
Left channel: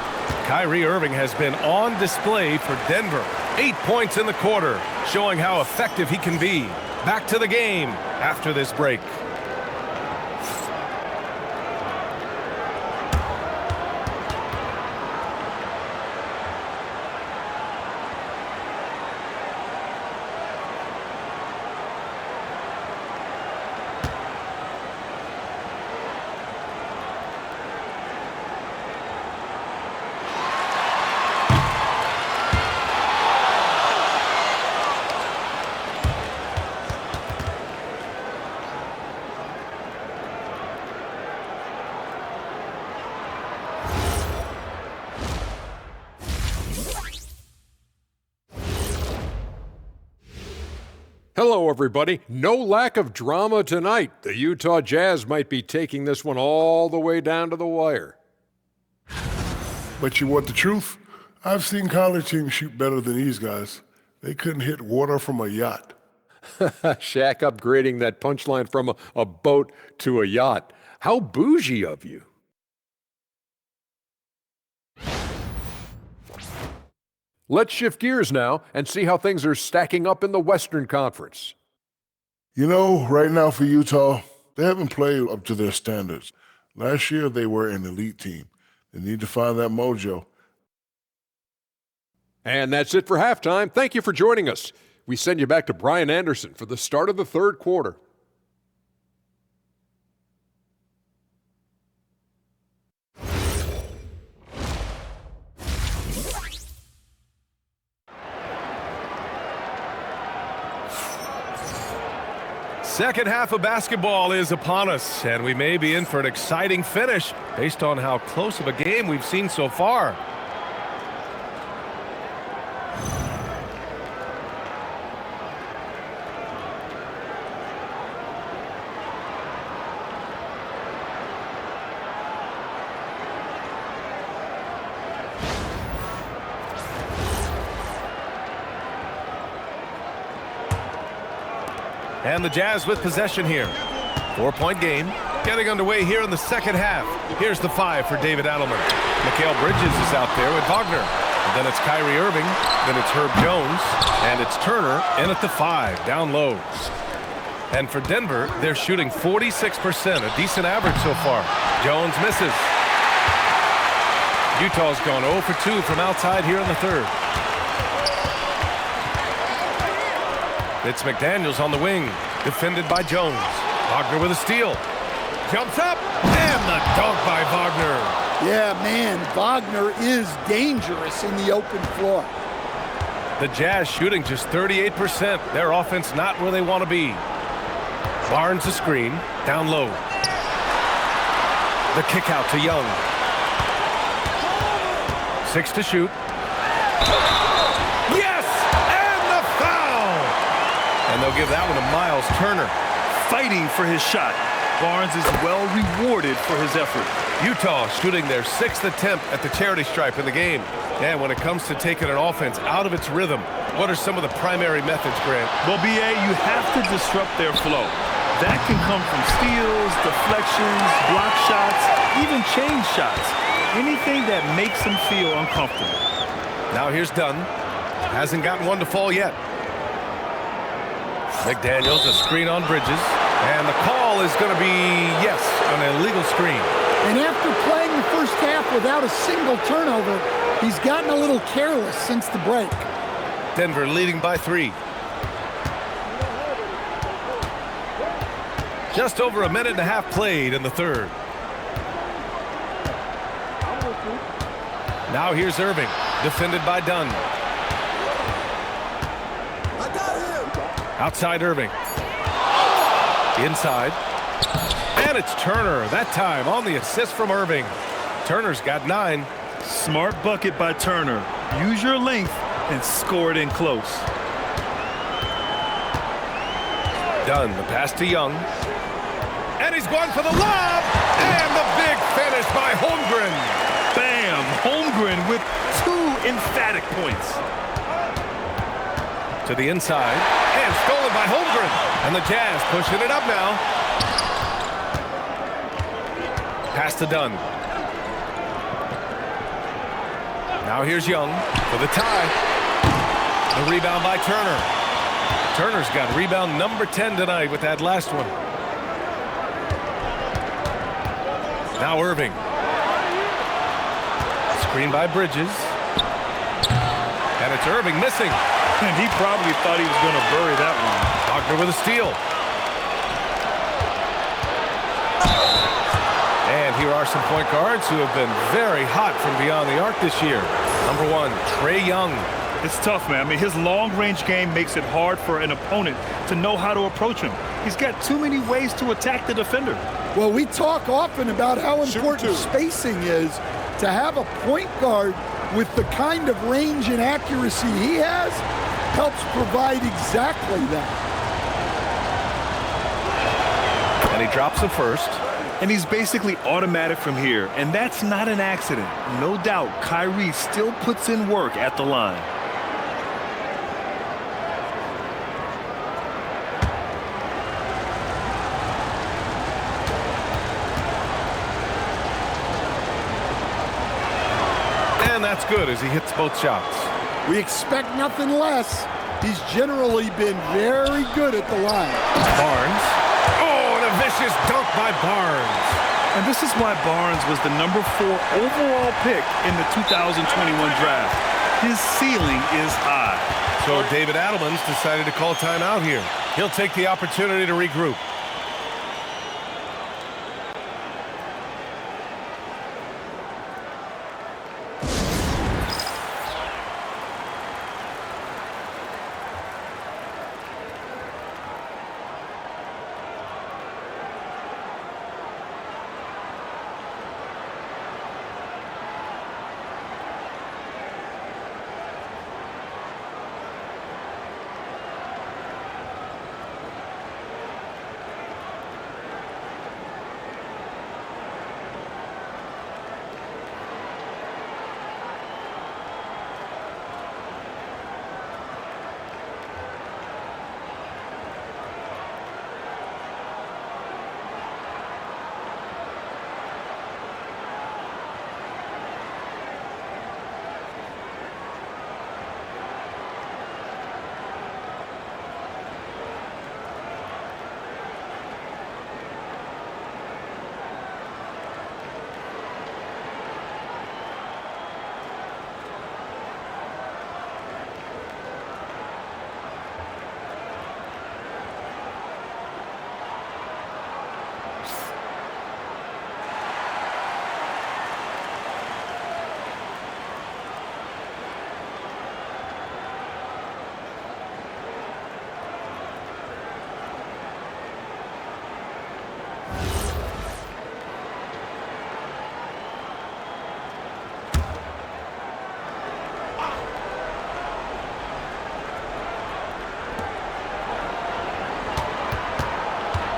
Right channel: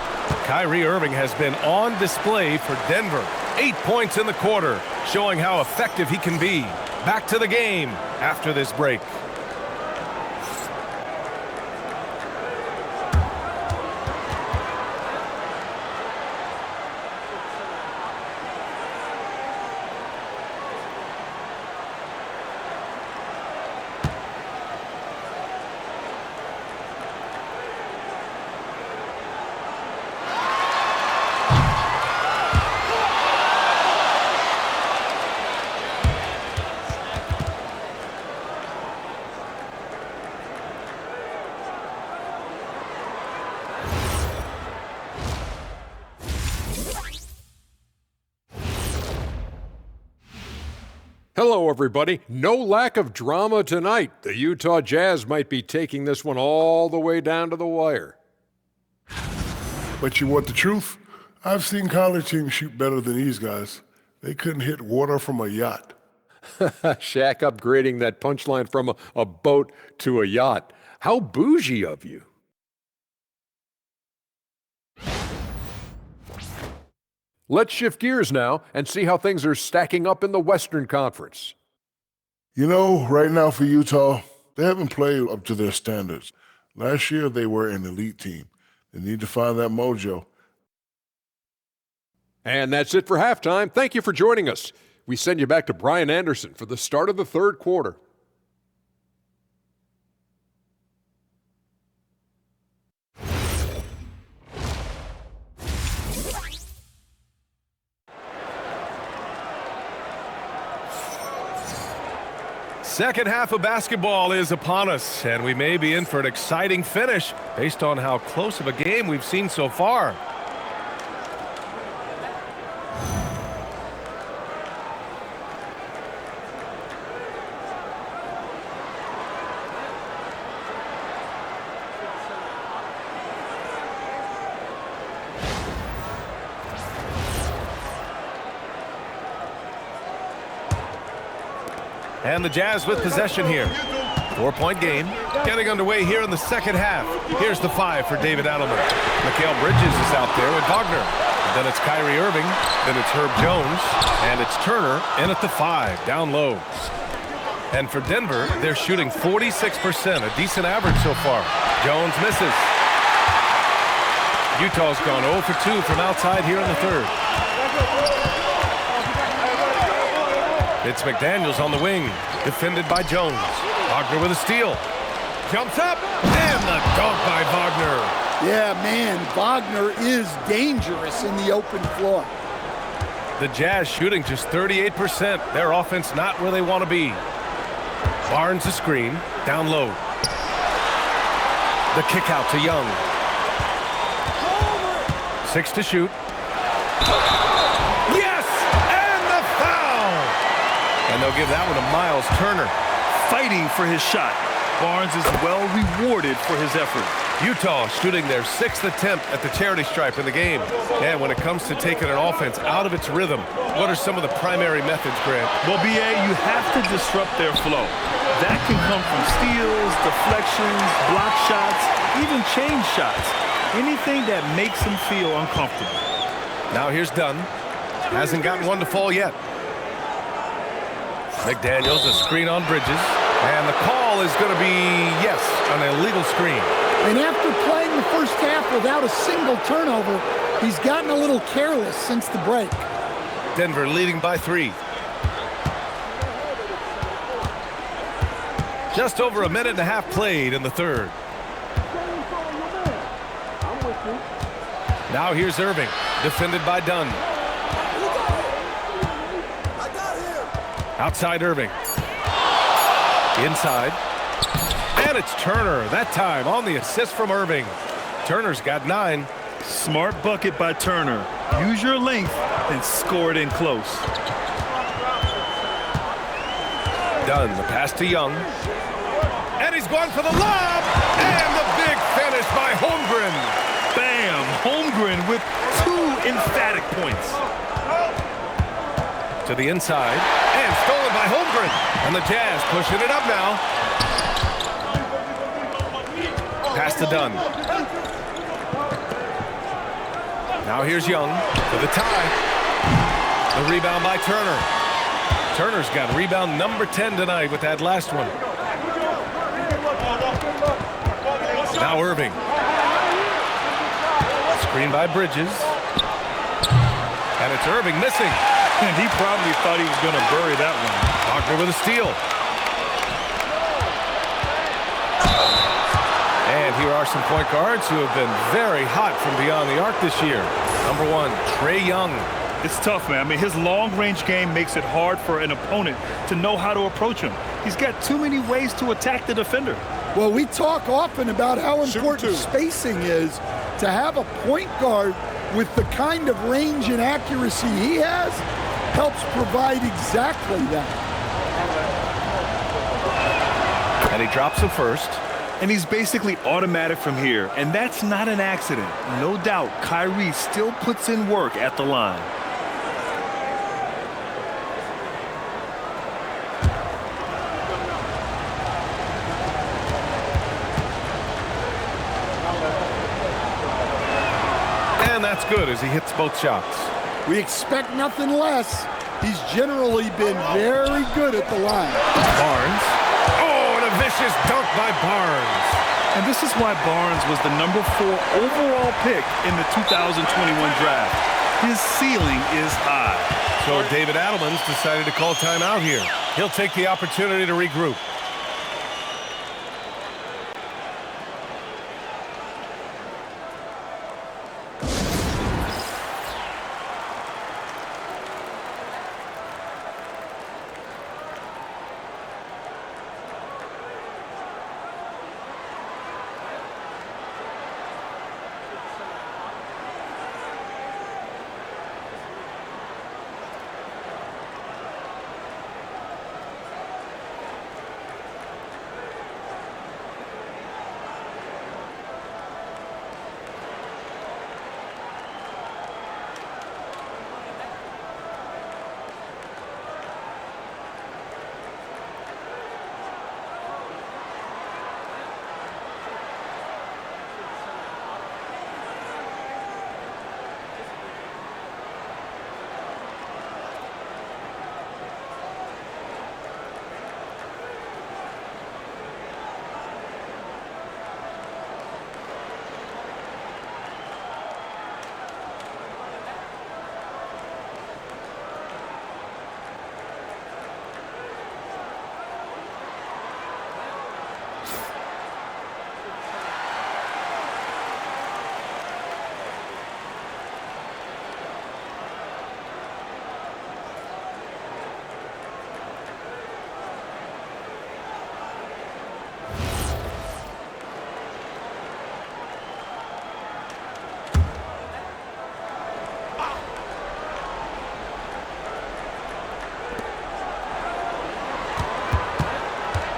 Kyrie Irving has been on display for Denver. 8 points in the quarter, showing how effective he can be. Back to the game after this break. Hello, everybody. No lack of drama tonight. The Utah Jazz might be taking this one all the way down to the wire. But you want the truth? I've seen college teams shoot better than these guys. They couldn't hit water from a yacht. Shaq upgrading that punchline from a boat to a yacht. How bougie of you. Let's shift gears now and see how things are stacking up in the Western Conference. You know, right now for Utah, they haven't played up to their standards. Last year, they were an elite team. They need to find that mojo. And that's it for halftime. Thank you for joining us. We send you back to Brian Anderson for the start of the third quarter. Second half of basketball is upon us, and we may be in for an exciting finish based on how close of a game we've seen so far. And the Jazz with possession here. 4-point game. Getting underway here in the second half. Here's the 5 for David Adelman. Mikal Bridges is out there with Wagner. And then it's Kyrie Irving. Then it's Herb Jones. And it's Turner in at the 5, down low. And for Denver, they're shooting 46%, a decent average so far. Jones misses. Utah's gone 0 for 2 from outside here in the third. It's McDaniels on the wing, defended by Jones. Wagner with a steal. Jumps up, and the dunk by Wagner. Yeah, man, Wagner is dangerous in the open floor. The Jazz shooting just 38%. Their offense not where they want to be. Barnes the screen, down low. The kick out to Young. 6 to shoot. Yes! And the foul! And they'll give that one to Miles Turner. Fighting for his shot. Barnes is well rewarded for his effort. Utah shooting their 6th attempt at the charity stripe in the game. And when it comes to taking an offense out of its rhythm, what are some of the primary methods, Grant? Well, BA, you have to disrupt their flow. That can come from steals, deflections, block shots, even change shots. Anything that makes them feel uncomfortable. Now here's Dunn. Hasn't gotten one to fall yet. McDaniels, a screen on Bridges. And the call is going to be, yes, an illegal screen. And after playing the first half without a single turnover, he's gotten a little careless since the break. Denver leading by 3. Just over a minute and a half played in the third. Now here's Irving, defended by Dunn. Outside Irving. Inside. And it's Turner, that time on the assist from Irving. Turner's got 9. Smart bucket by Turner. Use your length and score it in close. Dunn, the pass to Young. And he's going for the lob. And the big finish by Holmgren. Bam! Holmgren with 2 emphatic points. To the inside, and stolen by Holmgren. And the Jazz pushing it up now. Pass to Dunn. Now here's Young for the tie. The rebound by Turner. Turner's got rebound number 10 tonight with that last one. Now Irving. Screen by Bridges. And it's Irving missing. And he probably thought he was going to bury that one. Wagner with a steal. And here are some point guards who have been very hot from beyond the arc this year. Number 1, Trae Young. It's tough, man. I mean, his long-range game makes it hard for an opponent to know how to approach him. He's got too many ways to attack the defender. Well, we talk often about how important spacing is. To have a point guard with the kind of range and accuracy he has helps provide exactly that. And he drops the first. And he's basically automatic from here, and that's not an accident. No doubt, Kyrie still puts in work at the line. And that's good as he hits both shots. We expect nothing less. He's generally been very good at the line. Barnes. Oh, and a vicious dunk by Barnes. And this is why Barnes was the number 4 overall pick in the 2021 draft. His ceiling is high. So David Adelman's decided to call timeout here. He'll take the opportunity to regroup.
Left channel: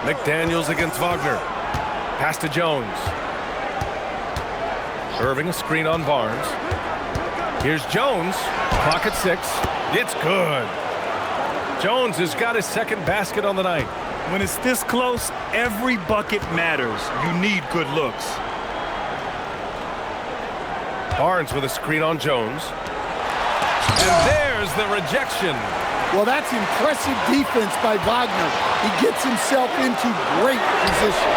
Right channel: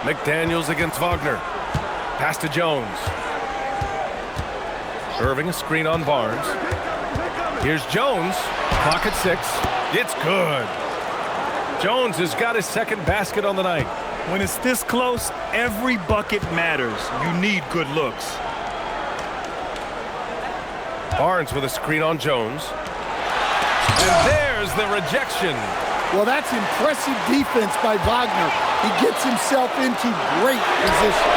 McDaniels against Wagner. Pass to Jones. Irving a screen on Barnes. Here's Jones. Clock at 6. It's good. Jones has got his second basket on the night. When it's this close, every bucket matters. You need good looks. Barnes with a screen on Jones. And there's the rejection. Well, that's impressive defense by Wagner. He gets himself into great position.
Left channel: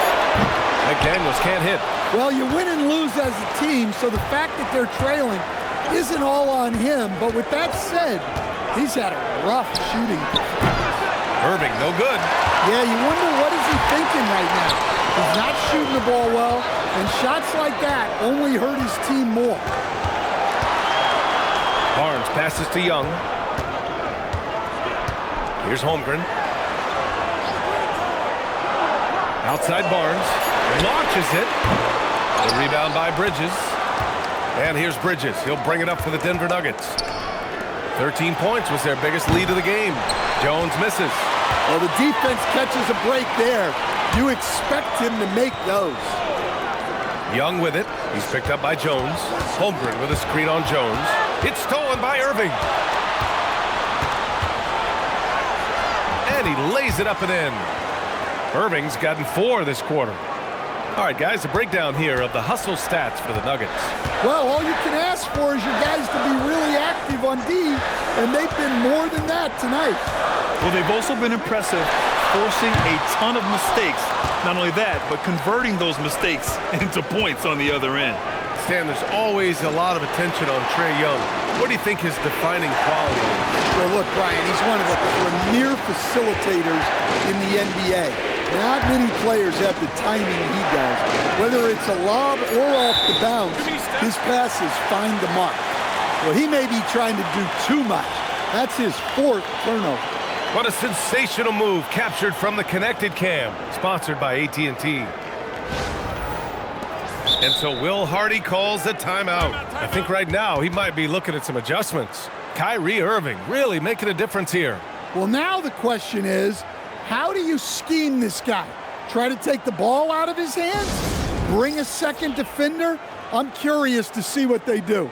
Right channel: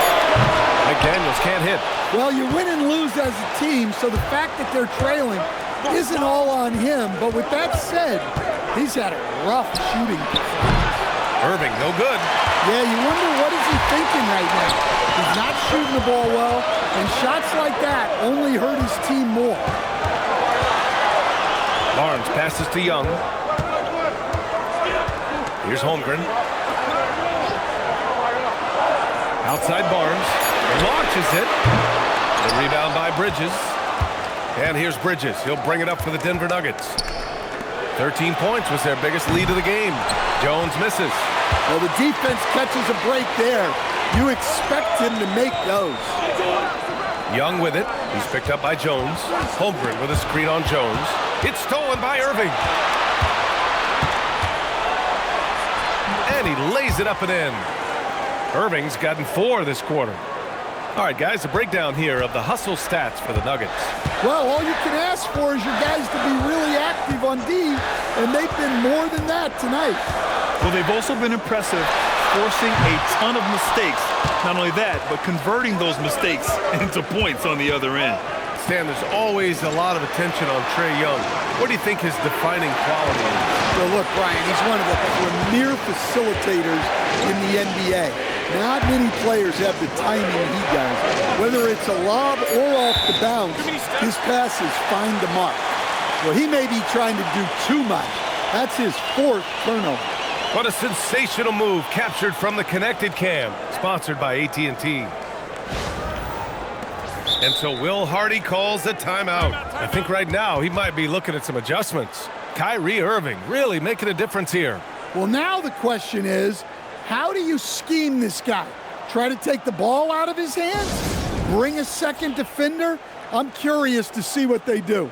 McDaniels can't hit. Well, you win and lose as a team, so the fact that they're trailing isn't all on him. But with that said, he's had a rough shooting performance. Irving, no good. Yeah, you wonder what is he thinking right now. He's not shooting the ball well, and shots like that only hurt his team more. Barnes passes to Young. Here's Holmgren. Outside Barnes. Launches it. The rebound by Bridges. And here's Bridges. He'll bring it up for the Denver Nuggets. 13 points was their biggest lead of the game. Jones misses. Well, the defense catches a break there. You expect him to make those. Young with it. He's picked up by Jones. Holmgren with a screen on Jones. It's stolen by Irving. and he lays it up and in. Irving's gotten 4 this quarter. All right, guys, a breakdown here of the hustle stats for the Nuggets. Well, all you can ask for is your guys to be really active on D, and they've been more than that tonight. Well, they've also been impressive, forcing a ton of mistakes. Not only that, but converting those mistakes into points on the other end. Stan, there's always a lot of attention on Trae Young. What do you think his defining quality is? Well, look, Brian, he's one of the premier facilitators in the NBA. Not many players have the timing he does. Whether it's a lob or off the bounce, his passes find the mark. Well, he may be trying to do too much. That's his 4th turnover. What a sensational move captured from the connected cam, sponsored by AT&T. And so Will Hardy calls a timeout. I think right now he might be looking at some adjustments. Kyrie Irving really making a difference here. Well, now the question is, how do you scheme this guy? Try to take the ball out of his hands? Bring a second defender? I'm curious to see what they do.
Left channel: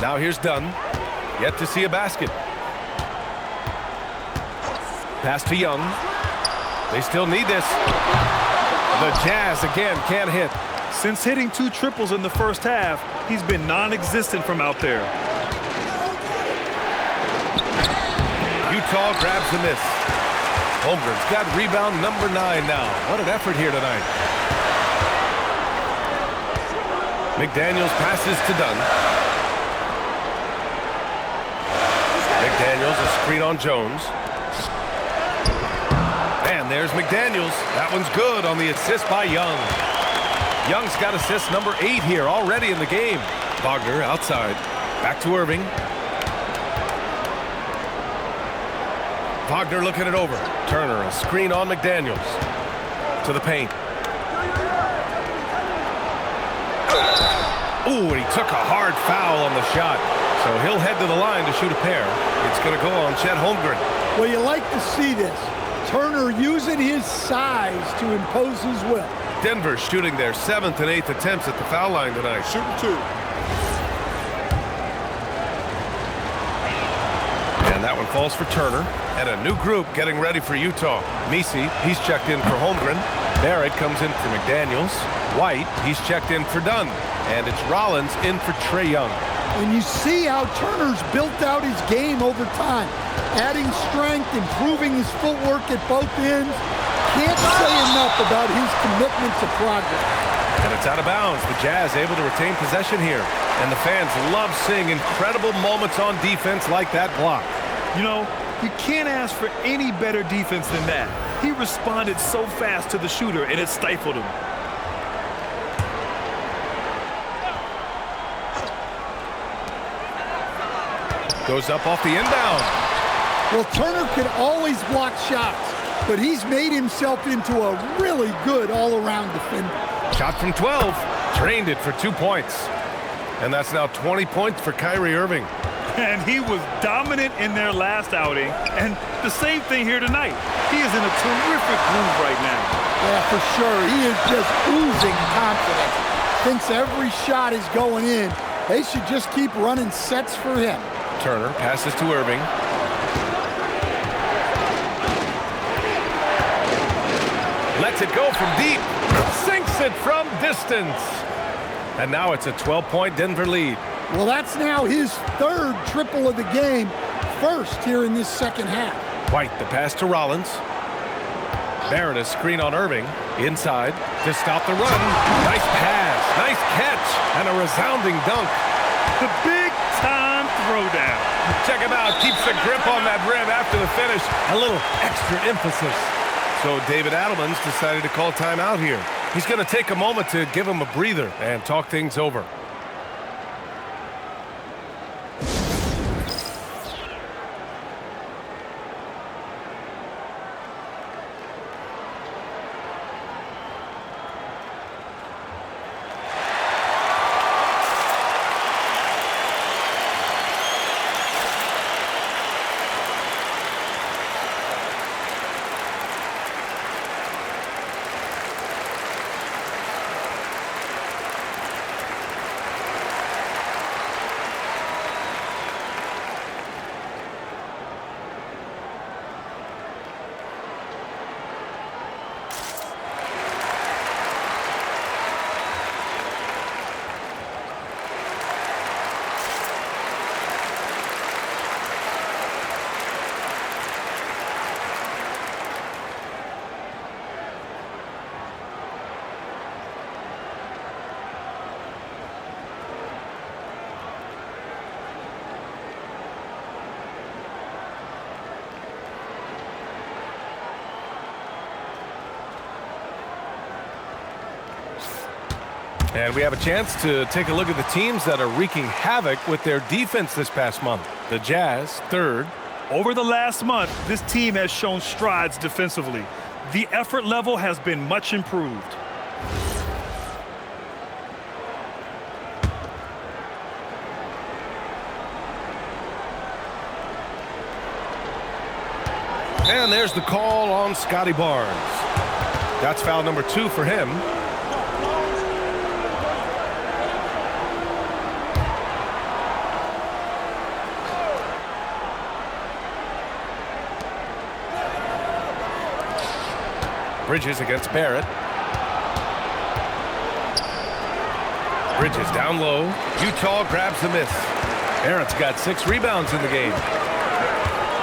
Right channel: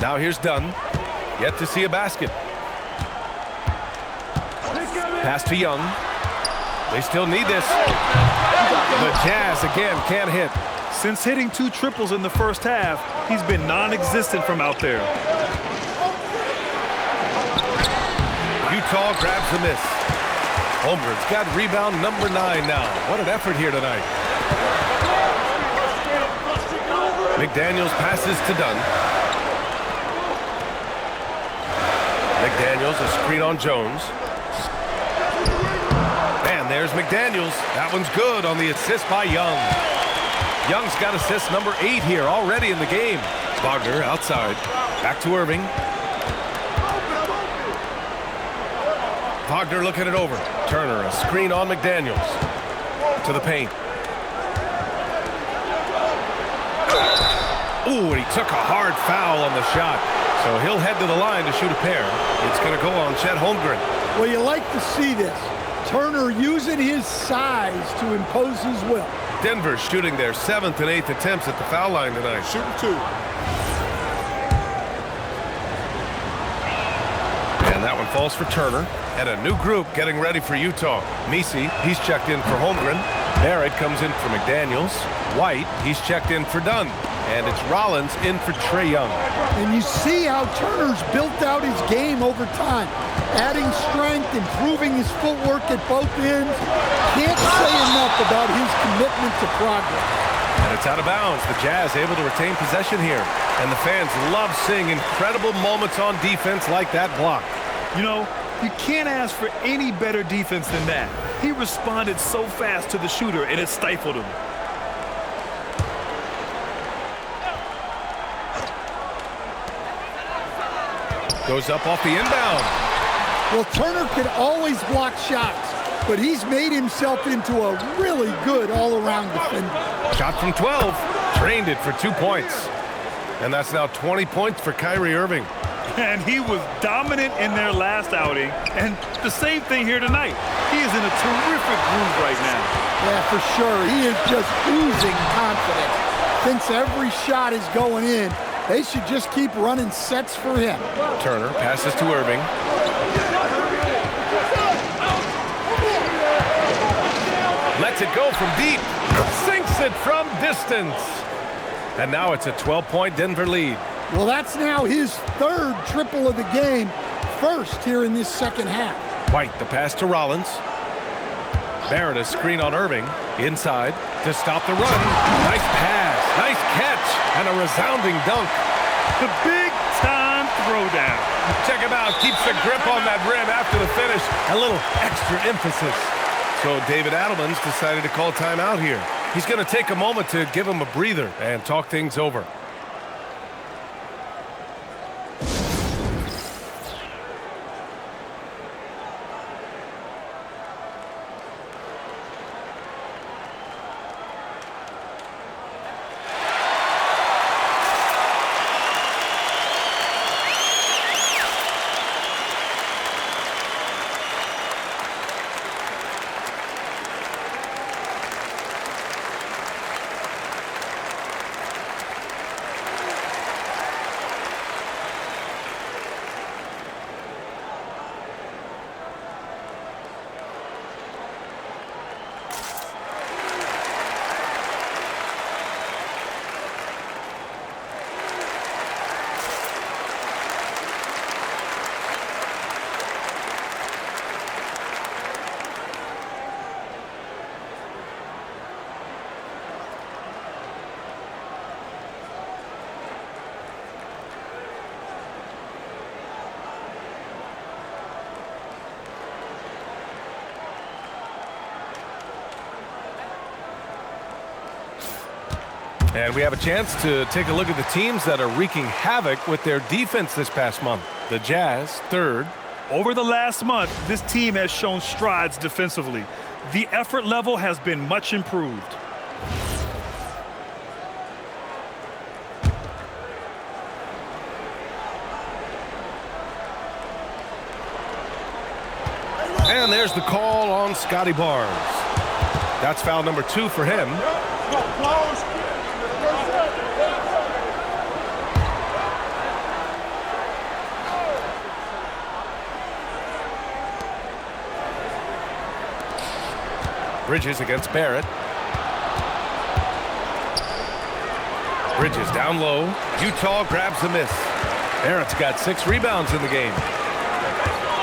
Now here's Dunn. Yet to see a basket. Pass to Young. They still need this. The Jazz again can't hit. Since hitting 2 triples in the first half, he's been non-existent from out there. Utah grabs the miss. Holmgren's got rebound number 9 now. What an effort here tonight. McDaniels passes to Dunn. McDaniels, a screen on Jones. And there's McDaniels. That one's good on the assist by Young. Young's got assist number 8 here already in the game. Wagner outside. Back to Irving. Wagner looking it over. Turner, a screen on McDaniels. To the paint. Ooh, and he took a hard foul on the shot. So he'll head to the line to shoot a pair. It's going to go on Chet Holmgren. Well, you like to see this. Turner using his size to impose his will. Denver shooting their 7th and 8th attempts at the foul line tonight. Shooting 2. And that one falls for Turner. And a new group getting ready for Utah. Messi, he's checked in for Holmgren. Barrett comes in for McDaniels. White, he's checked in for Dunn. And it's Rollins in for Trae Young. And you see how Turner's built out his game over time. Adding strength, improving his footwork at both ends. Can't say enough about his commitment to progress. And it's out of bounds. The Jazz able to retain possession here. And the fans love seeing incredible moments on defense like that block. You know, you can't ask for any better defense than that. He responded so fast to the shooter, and it stifled him. Goes up off the inbound. Well, Turner can always block shots, but he's made himself into a really good all-around defender. Shot from 12. Drained it for 2 points. And that's now 20 points for Kyrie Irving. And he was dominant in their last outing, and the same thing here tonight. He is in a terrific groove right now. Yeah, for sure. He is just oozing confidence. Thinks every shot is going in. They should just keep running sets for him. Turner passes to Irving. Lets it go from deep. Sinks it from distance. And now it's a 12-point Denver lead. Well, that's now his third triple of the game. First here in this second half. White, the pass to Rollins. Barrett, a screen on Irving. Inside to stop the run. Nice pass, nice catch, and a resounding dunk. The big-time throwdown. Check him out. Keeps the grip on that rim after the finish. A little extra emphasis. So David Adelman's decided to call timeout here. He's going to take a moment to give him a breather and talk things over. And we have a chance to take a look at the teams that are wreaking havoc with their defense this past month. The Jazz, third. Over the last month, this team has shown strides defensively. The effort level has been much improved. And there's the call on Scotty Barnes. That's foul number 2 for him. Bridges against Barrett. Bridges down low. Utah grabs the miss. Barrett's got 6 rebounds in the game.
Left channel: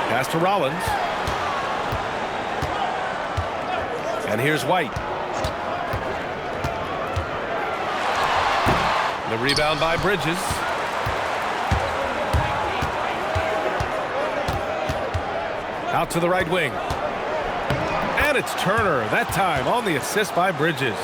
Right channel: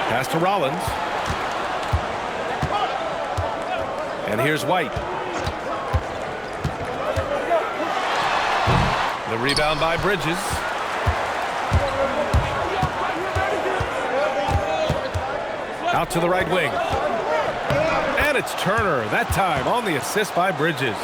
Pass to Rollins. And here's White. The rebound by Bridges. Out to the right wing. And it's Turner, that time on the assist by Bridges.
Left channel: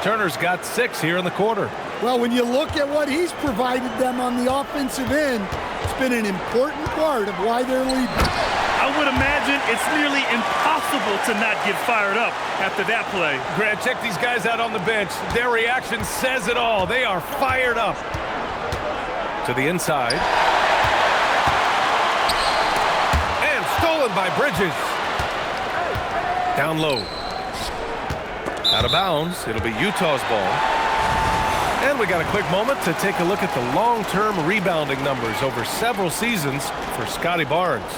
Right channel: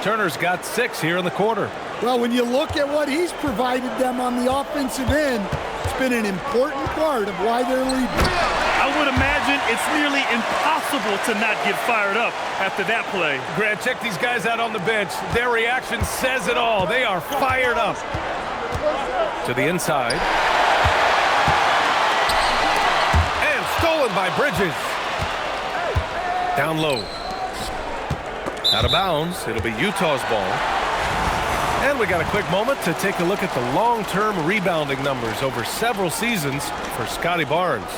Turner's got 6 here in the quarter. Well, when you look at what he's provided them on the offensive end, it's been an important part of why they're leading. I would imagine it's nearly impossible to not get fired up after that play. Grant, check these guys out on the bench. Their reaction says it all. They are fired up. To the inside. And stolen by Bridges. Down low. Out of bounds. It'll be Utah's ball. And we got a quick moment to take a look at the long-term rebounding numbers over several seasons for Scotty Barnes.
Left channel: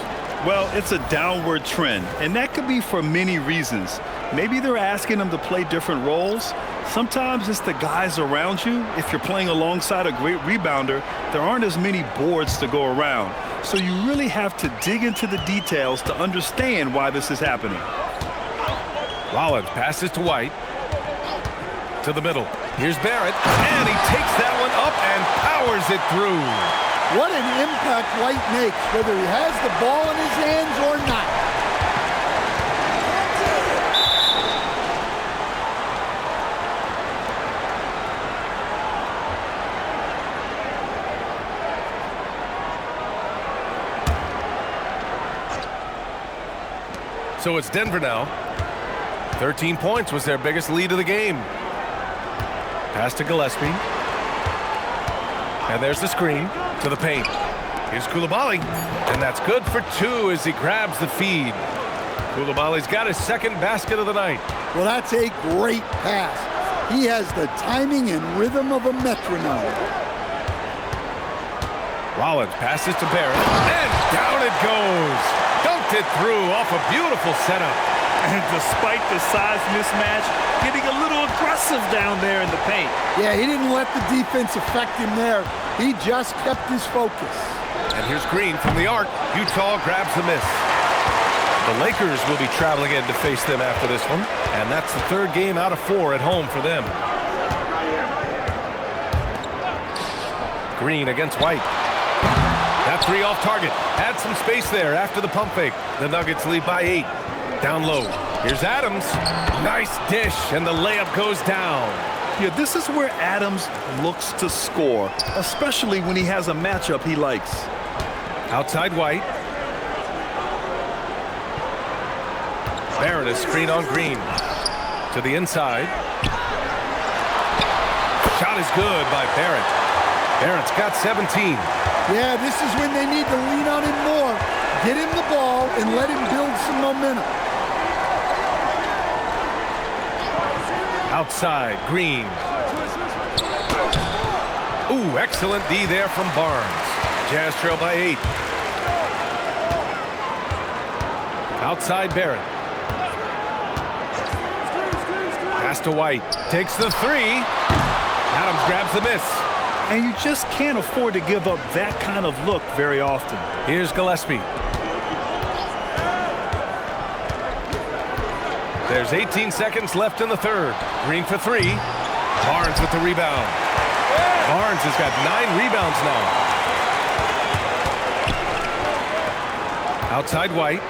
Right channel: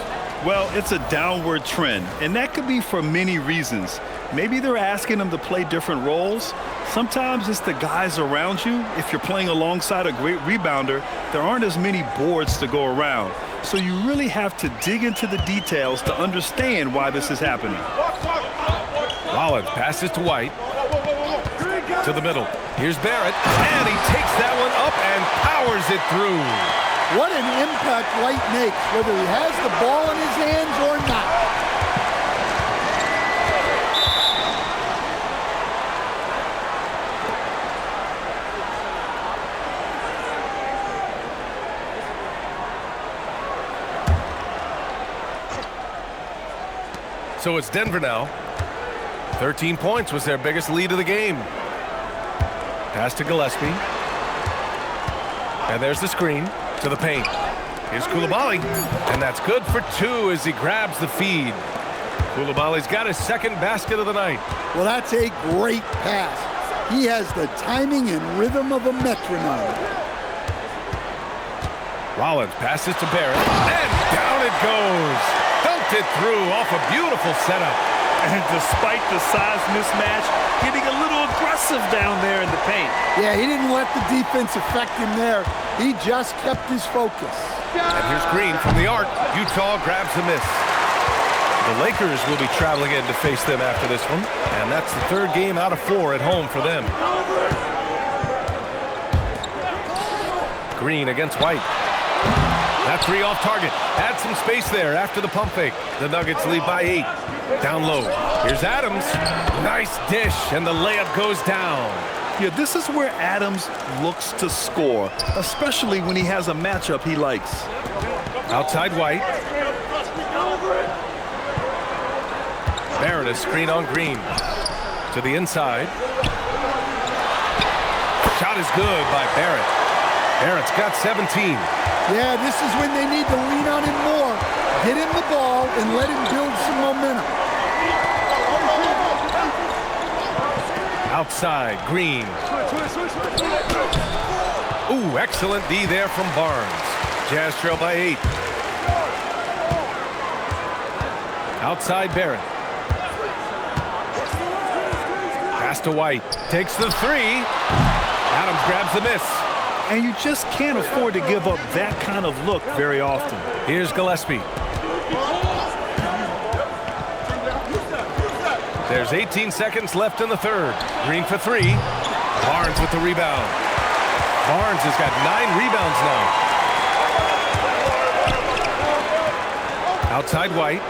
Well, it's a downward trend, and that could be for many reasons. Maybe they're asking him to play different roles. Sometimes it's the guys around you. If you're playing alongside a great rebounder, there aren't as many boards to go around. So you really have to dig into the details to understand why this is happening. Rollins passes to White. To the middle. Here's Barrett, and he takes that one up and powers it through. What an impact White makes, whether he has the ball in his hands or not. So it's Denver now. 13 points was their biggest lead of the game. Pass to Gillespie. And there's the screen to the paint. Here's Coulibaly. And that's good for 2 as he grabs the feed. Koulibaly's got his second basket of the night. Well, that's a great pass. He has the timing and rhythm of a metronome. Rollins passes to Barrett, and down it goes. Dunked it through off a beautiful setup. And despite the size mismatch, getting a little aggressive down there in the paint. Yeah, he didn't let the defense affect him there. He just kept his focus. And here's Green from the arc. Utah grabs the miss. The Lakers will be traveling in to face them after this one, and that's the third game out of 4 at home for them. Green against White. That three off target. Had some space there after the pump fake. The Nuggets lead by 8. Down low. Here's Adams. Nice dish, and the layup goes down. Yeah, this is where Adams looks to score, especially when he has a matchup he likes. Outside White. Barrett, a screen on Green. To the inside. Shot is good by Barrett. Barrett's got 17. Yeah, this is when they need to lean on him more. Get him the ball and let him build some momentum. Outside, Green. Ooh, excellent D there from Barnes. Jazz trail by 8. Outside, Barrett. Pass to White. Takes the three. Adams grabs the miss. And you just can't afford to give up that kind of look very often. Here's Gillespie. There's 18 seconds left in the third. Green for 3. Barnes with the rebound. Barnes has got 9 rebounds now. Outside White.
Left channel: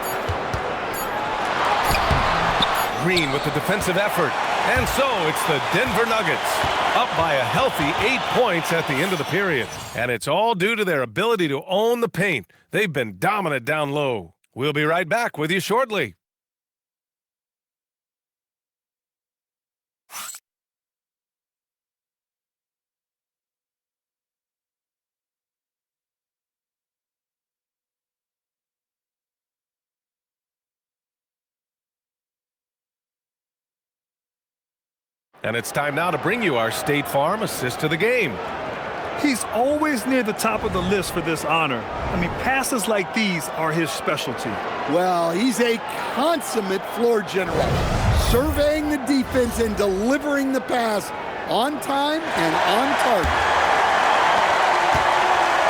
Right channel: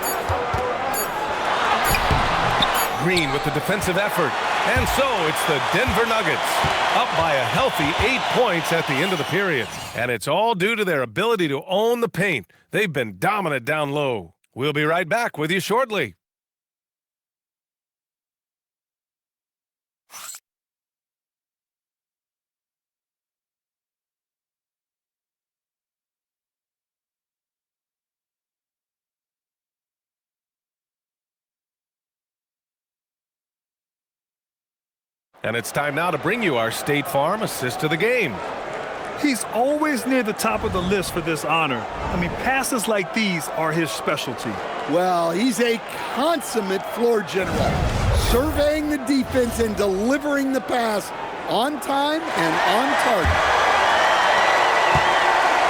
Green with the defensive effort. And so it's the Denver Nuggets up by a healthy 8 points at the end of the period. And it's all due to their ability to own the paint. They've been dominant down low. We'll be right back with you shortly. And it's time now to bring you our State Farm assist of the game. He's always near the top of the list for this honor. I mean, passes like these are his specialty. Well, he's a consummate floor general, surveying the defense and delivering the pass on time and on target.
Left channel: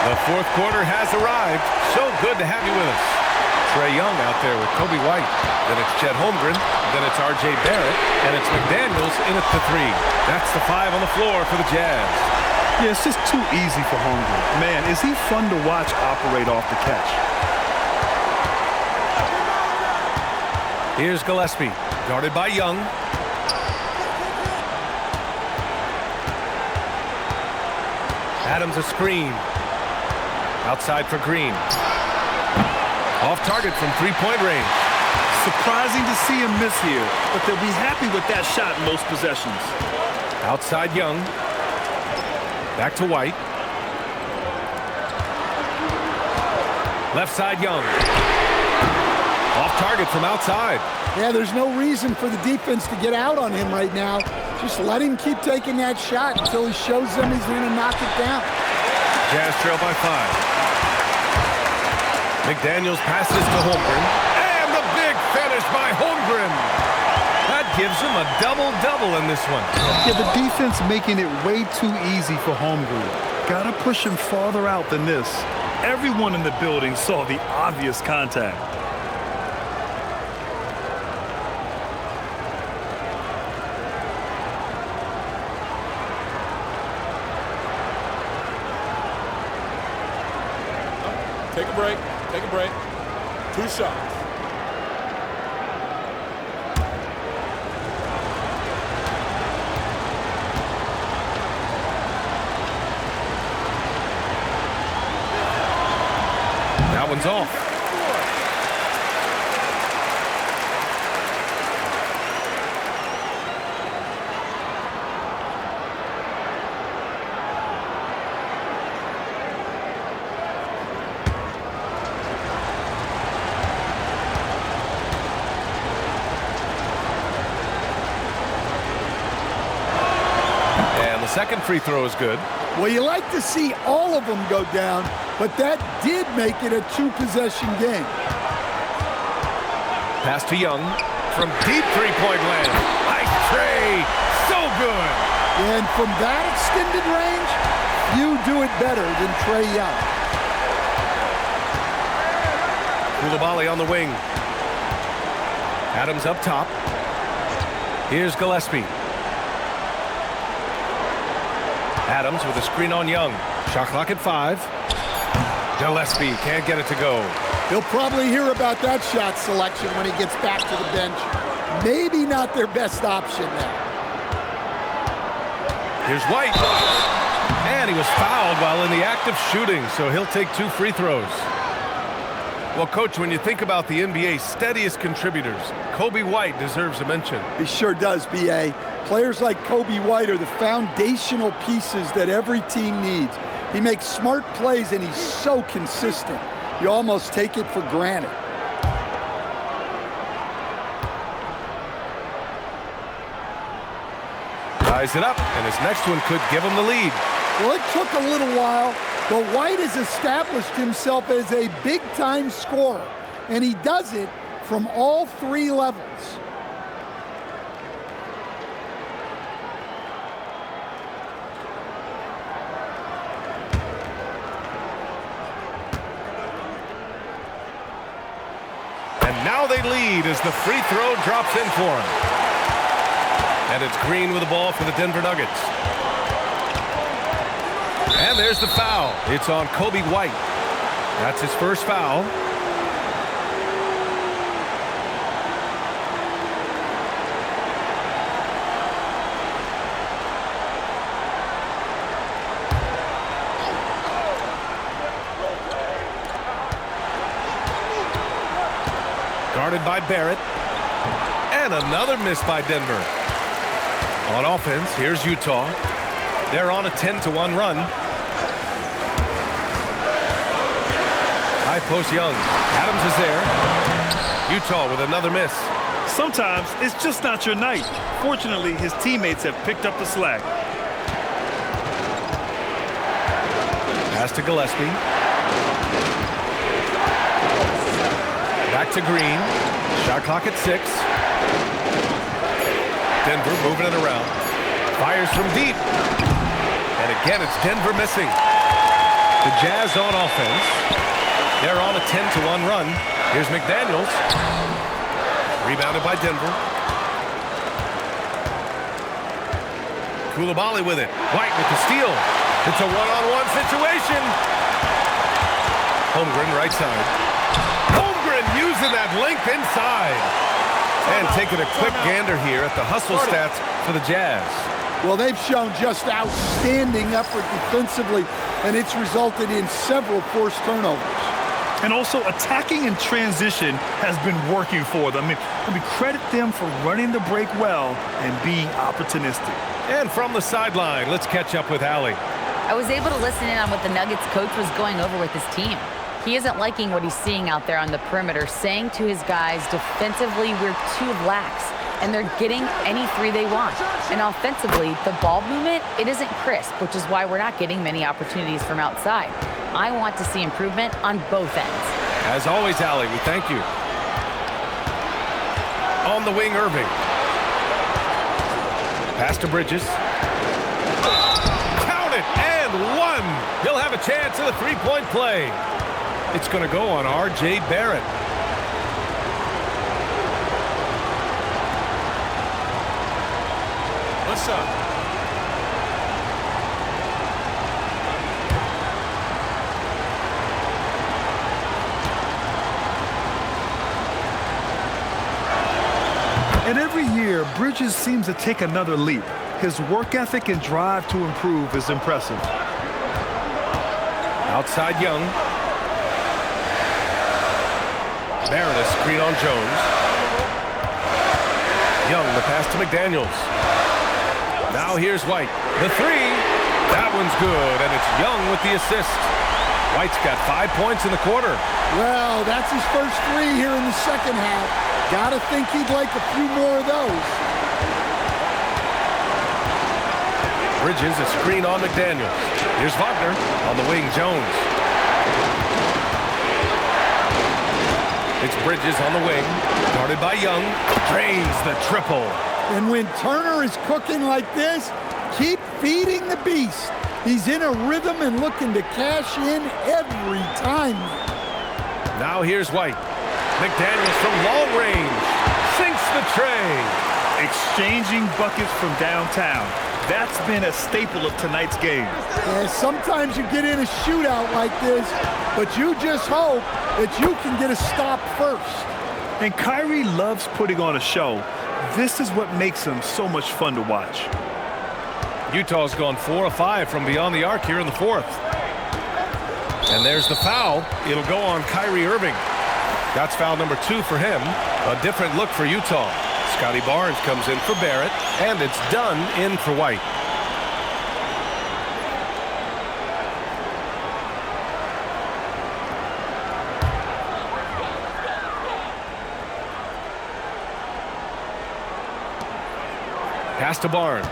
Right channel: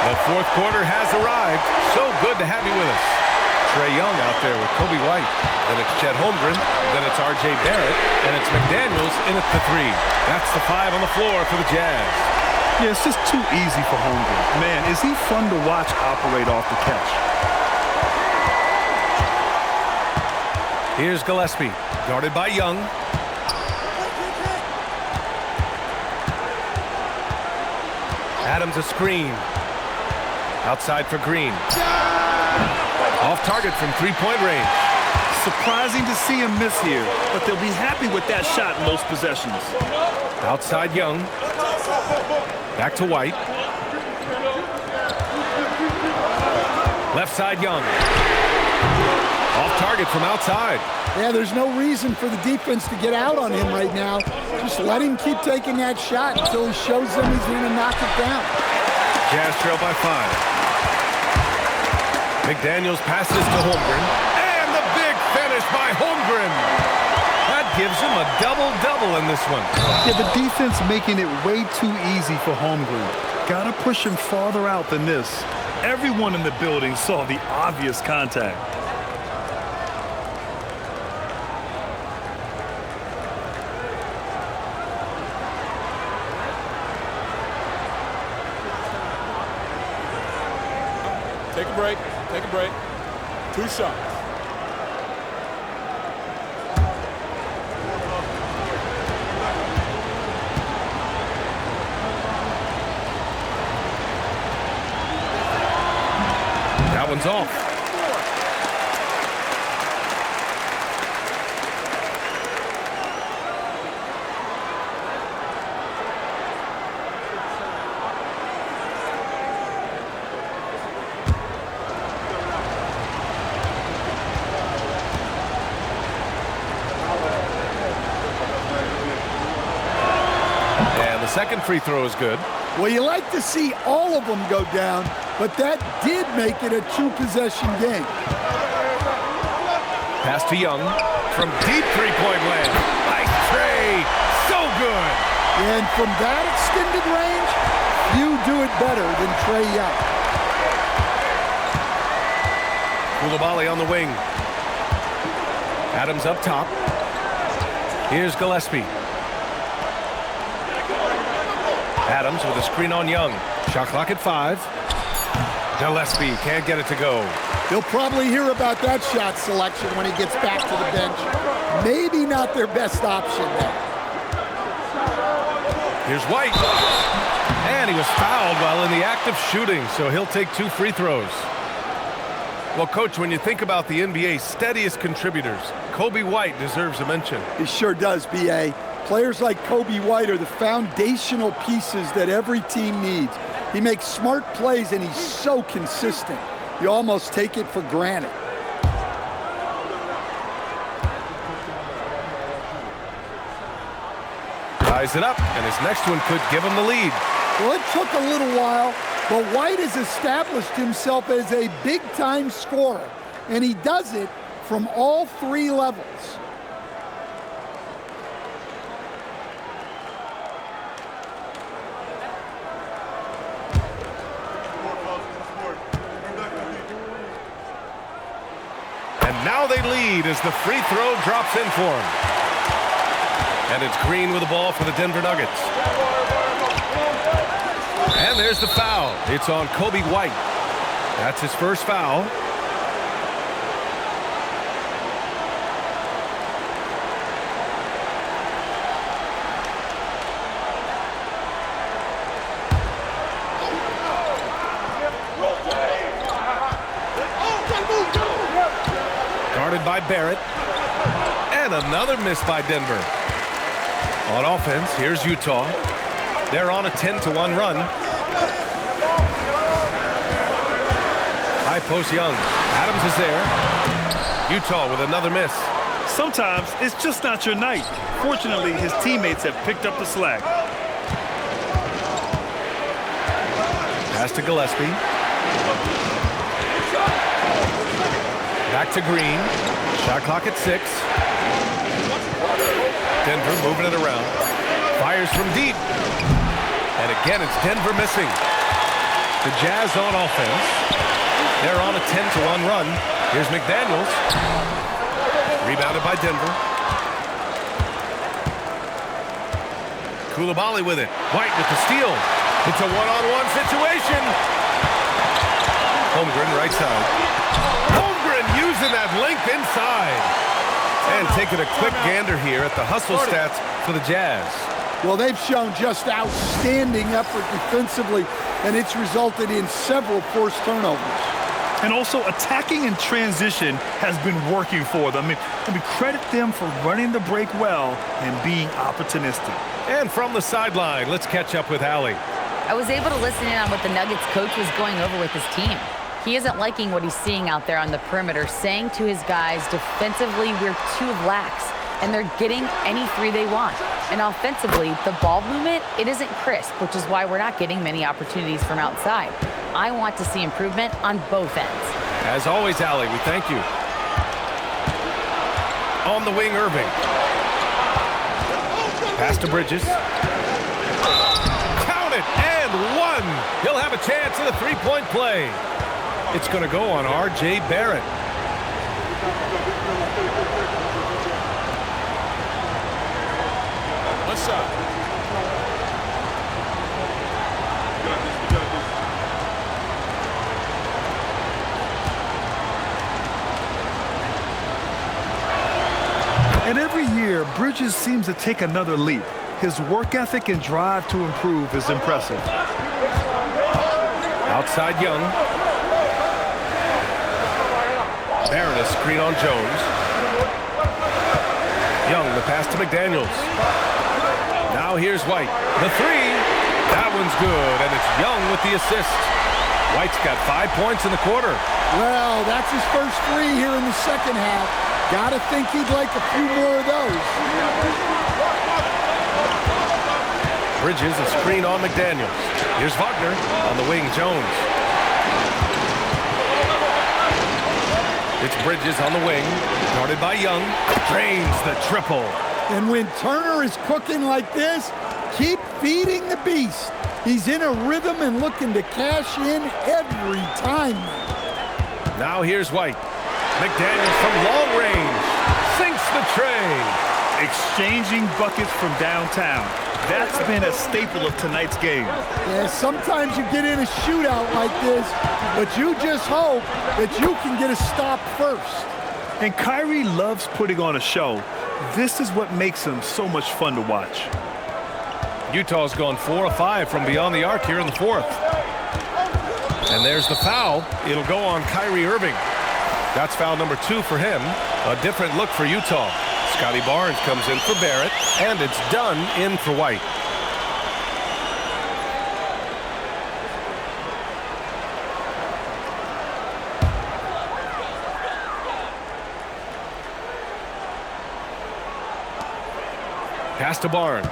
The fourth quarter has arrived. So good to have you with us. Trae Young out there with Kobe White. Then it's Chet Holmgren. Then it's R.J. Barrett. And it's McDaniels in at the 3. That's the 5 on the floor for the Jazz. Yeah, it's just too easy for Holmgren. Man, is he fun to watch operate off the catch. Here's Gillespie, guarded by Young. Adams a screen. Outside for Green. Off target from three-point range. Surprising to see him miss here, but they'll be happy with that shot in most possessions. Outside Young. Back to White. Left side Young. Off target from outside. Yeah, there's no reason for the defense to get out on him right now. Just let him keep taking that shot until he shows them he's going to knock it down. Jazz trail by 5. McDaniels passes to Holmgren. And the big finish by Holmgren. That gives him a double-double in this one. Yeah, the defense making it way too easy for Holmgren. Gotta push him farther out than this. Everyone in the building saw the obvious contact. Take a break. Take a break. 2 shots. That one's off. And the second free throw is good. Well, you like to see all of them go down, but that did make it a two-possession game. Pass to Young from deep three-point land. Nice tray. So good. And from that extended range, few do it better than Trae Young. Coulibaly on the wing. Adams up top. Here's Gillespie. Adams with a screen on Young. Shot clock at 5. Gillespie can't get it to go. He'll probably hear about that shot selection when he gets back to the bench. Maybe not their best option there. Here's White. And he was fouled while in the act of shooting, so he'll take 2 free throws. Well, Coach, when you think about the NBA's steadiest contributors, Kobe White deserves a mention. He sure does, B.A. Players like Kobe White are the foundational pieces that every team needs. He makes smart plays, and he's so consistent. You almost take it for granted. Ties it up, and his next one could give him the lead. Well, it took a little while, but White has established himself as a big-time scorer, and he does it from all 3 levels. And now they lead as the free throw drops in for him. And it's Green with the ball for the Denver Nuggets. And there's the foul. It's on Kobe White. That's his first foul. Guarded by Barrett. And another miss by Denver. On offense, here's Utah. They're on a 10-1 run. High post Young. Adams is there. Utah with another miss. Sometimes it's just not your night. Fortunately, his teammates have picked up the slack. Pass to Gillespie. Back to Green. Shot clock at 6. Denver moving it around. Fires from deep. And again, it's Denver missing. The Jazz on offense. They're on a 10-1 run. Here's McDaniels. Rebounded by Denver. Coulibaly with it. White with the steal. It's a one-on-one situation. Holmgren right side. Holmgren using that length inside. And taking a quick gander here at the hustle stats for the Jazz. Well, they've shown just outstanding effort defensively, and it's resulted in several forced turnovers. And also attacking in transition has been working for them. I mean, credit them for running the break well and being opportunistic. And from the sideline, let's catch up with Allie. I was able to listen in on what the Nuggets coach was going over with his team. He isn't liking what he's seeing out there on the perimeter, saying to his guys, defensively, we're too lax, and they're getting any 3 they want. And offensively, the ball movement, it isn't crisp, which is why we're not getting many opportunities from outside. I want to see improvement on both ends. As always, Allie, we thank you. On the wing, Irving. Pass to Bridges. Count it, and 1. He'll have a chance at a 3-point play. It's going to go on R.J. Barrett. One shot. And every year, Bridges seems to take another leap. His work ethic and drive to improve is impressive. Outside Young. Barrett, a screen on Jones. Young, the pass to McDaniels. Now here's White. The 3. That one's good, and it's Young with the assist. White's got 5 points in the quarter. Well, that's his first 3 here in the second half. Gotta think he'd like a few more of those. Bridges, a screen on McDaniels. Here's Wagner on the wing, Jones. It's Bridges on the wing, guarded by Young, drains the triple. And when Turner is cooking like this, keep feeding the beast. He's in a rhythm and looking to cash in every time. Now here's White. McDaniels from long range, sinks the tray. Exchanging buckets from downtown. That's been a staple of tonight's game. Yeah, sometimes you get in a shootout like this, but you just hope that you can get a stop first. And Kyrie loves putting on a show. This is what makes him so much fun to watch. Utah's gone 4 of 5 from beyond the arc here in the fourth. And there's the foul. It'll go on Kyrie Irving. That's foul number 2 for him. A different look for Utah. Scotty Barnes comes in for Barrett, and it's done in for White. Pass to Barnes.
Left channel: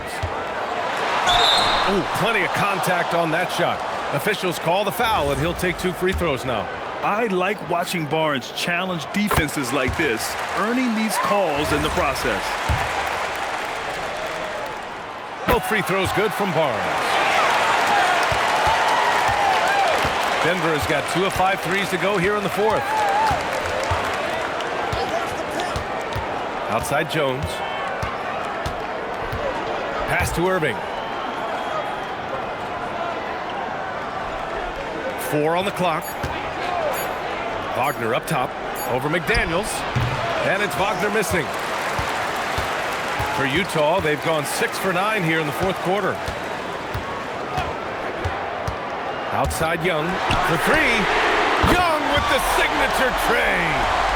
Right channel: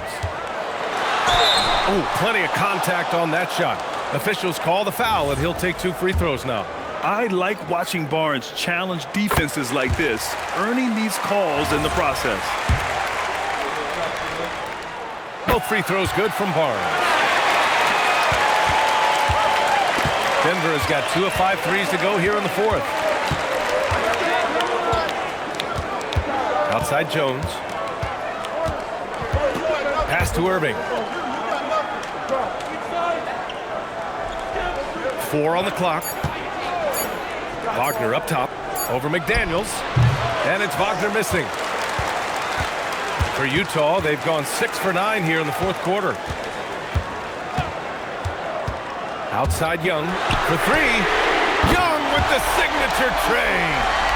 Oh, plenty of contact on that shot. Officials call the foul, and he'll take 2 free throws now. I like watching Barnes challenge defenses like this, earning these calls in the process. Both free throws good from Barnes. Denver has got 2 of 5 threes to go here in the fourth. Outside Jones. Pass to Irving. 4 on the clock. Wagner up top over McDaniels, and it's Wagner missing. For Utah, they've gone 6 for 9 here in the fourth quarter. Outside Young for 3. Young with the signature tray.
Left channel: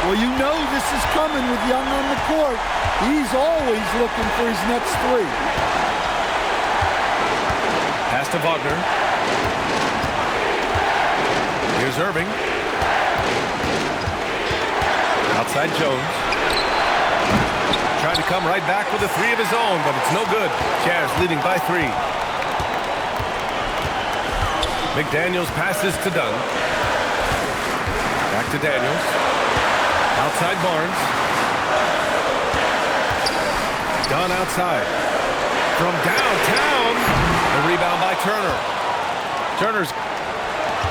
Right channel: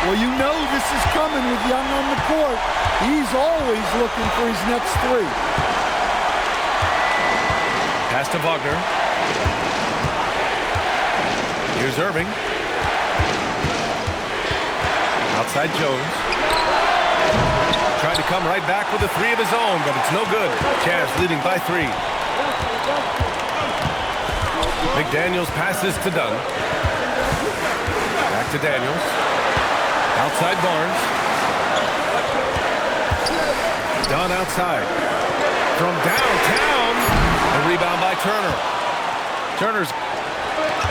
Well, you know this is coming with Young on the court. He's always looking for his next 3. Pass to Wagner. Here's Irving. Outside Jones. Trying to come right back with a 3 of his own, but it's no good. Jazz leading by 3. McDaniels passes to Dunn. Back to Daniels. Outside Barnes. Dunn outside. From downtown, the rebound by Turner. Turner's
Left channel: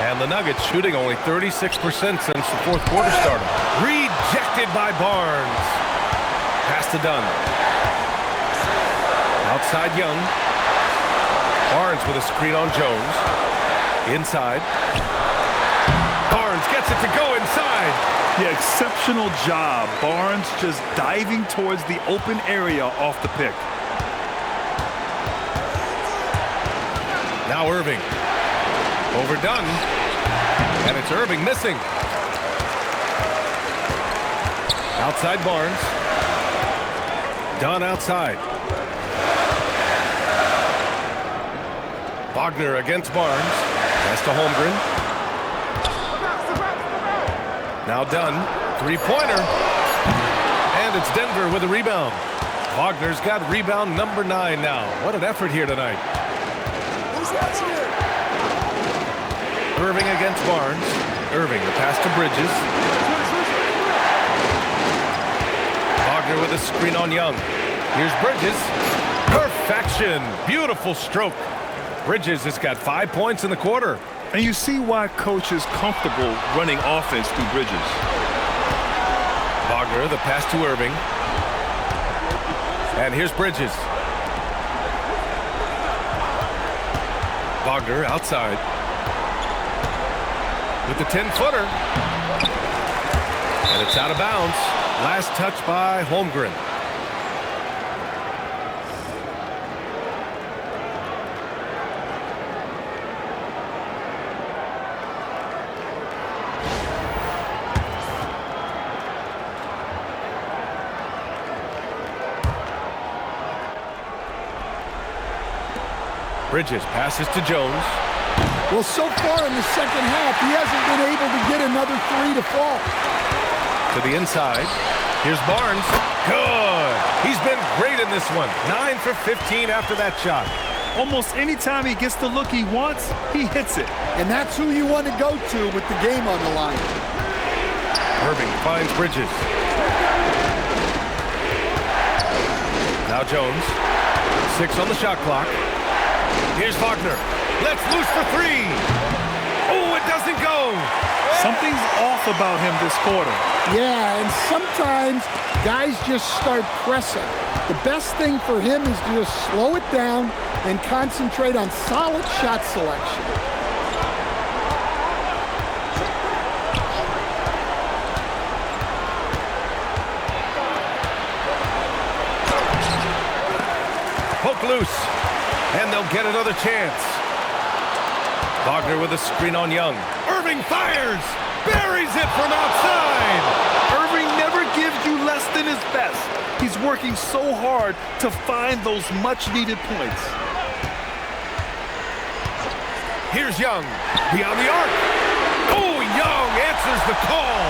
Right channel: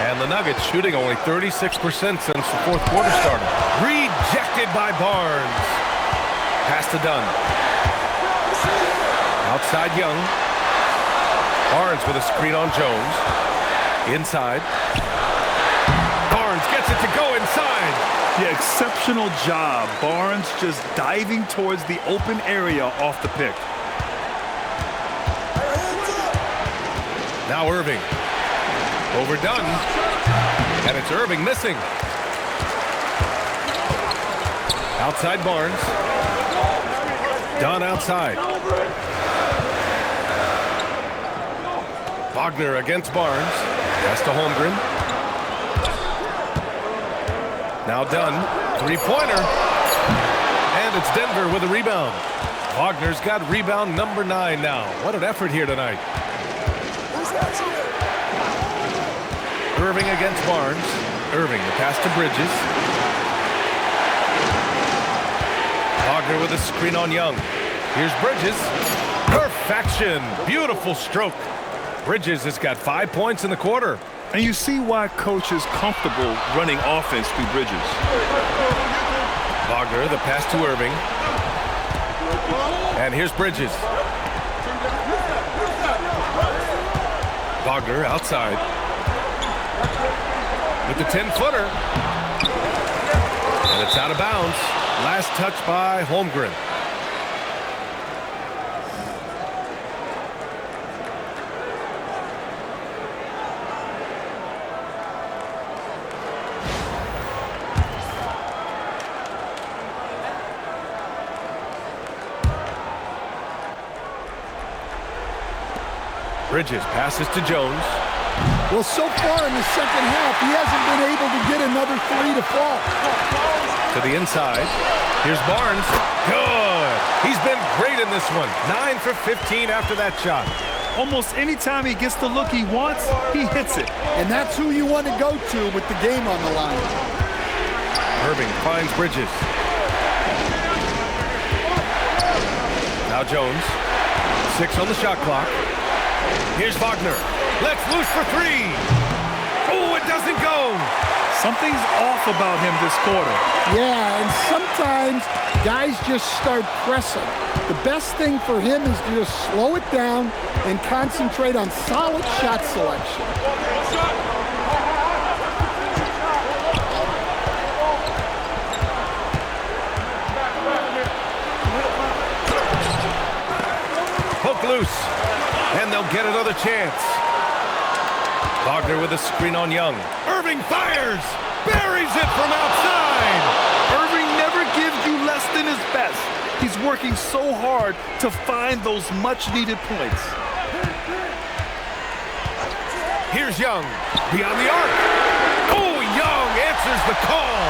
and the Nuggets shooting only 36% since the fourth quarter started. Rejected by Barnes. Pass to Dunn. Outside Young. Barnes with a screen on Jones. Inside. Barnes gets it to go inside. Yeah, exceptional job. Barnes just diving towards the open area off the pick. Now Irving. Overdone. And it's Irving missing. Outside Barnes. Dunn outside. Wagner against Barnes. Pass to Holmgren. Now Dunn. 3-pointer. And it's Denver with a rebound. Wagner's got rebound number 9 now. What an effort here tonight. Irving against Barnes. Irving, the pass to Bridges. Wagner with a screen on Young. Here's Bridges. Perfection. Beautiful stroke. Bridges has got 5 points in the quarter. And you see why coach is comfortable running offense through Bridges. Wagner, the pass to Irving. And here's Bridges. Wagner outside. With the 10-footer. And it's out of bounds. Last touch by Holmgren. Bridges passes to Jones. Well, so far in the second half, he hasn't been able to get another 3 to fall. To the inside. Here's Barnes. Good. He's been great in this one. 9 for 15 after that shot. Almost any time he gets the look he wants, he hits it. And that's who you want to go to with the game on the line. Irving finds Bridges. Now Jones. 6 on the shot clock. Here's Wagner. Let's loose for 3. Oh, it doesn't go. Something's off about him this quarter. Yeah, and sometimes guys just start pressing. The best thing for him is to just slow it down and concentrate on solid shot selection. Poke loose, and they'll get another chance. Wagner with a screen on Young. Irving fires, buries it from outside. Irving never gives you less than his best. He's working so hard to find those much-needed points. Here's Young, beyond the arc. Oh, Young answers the call.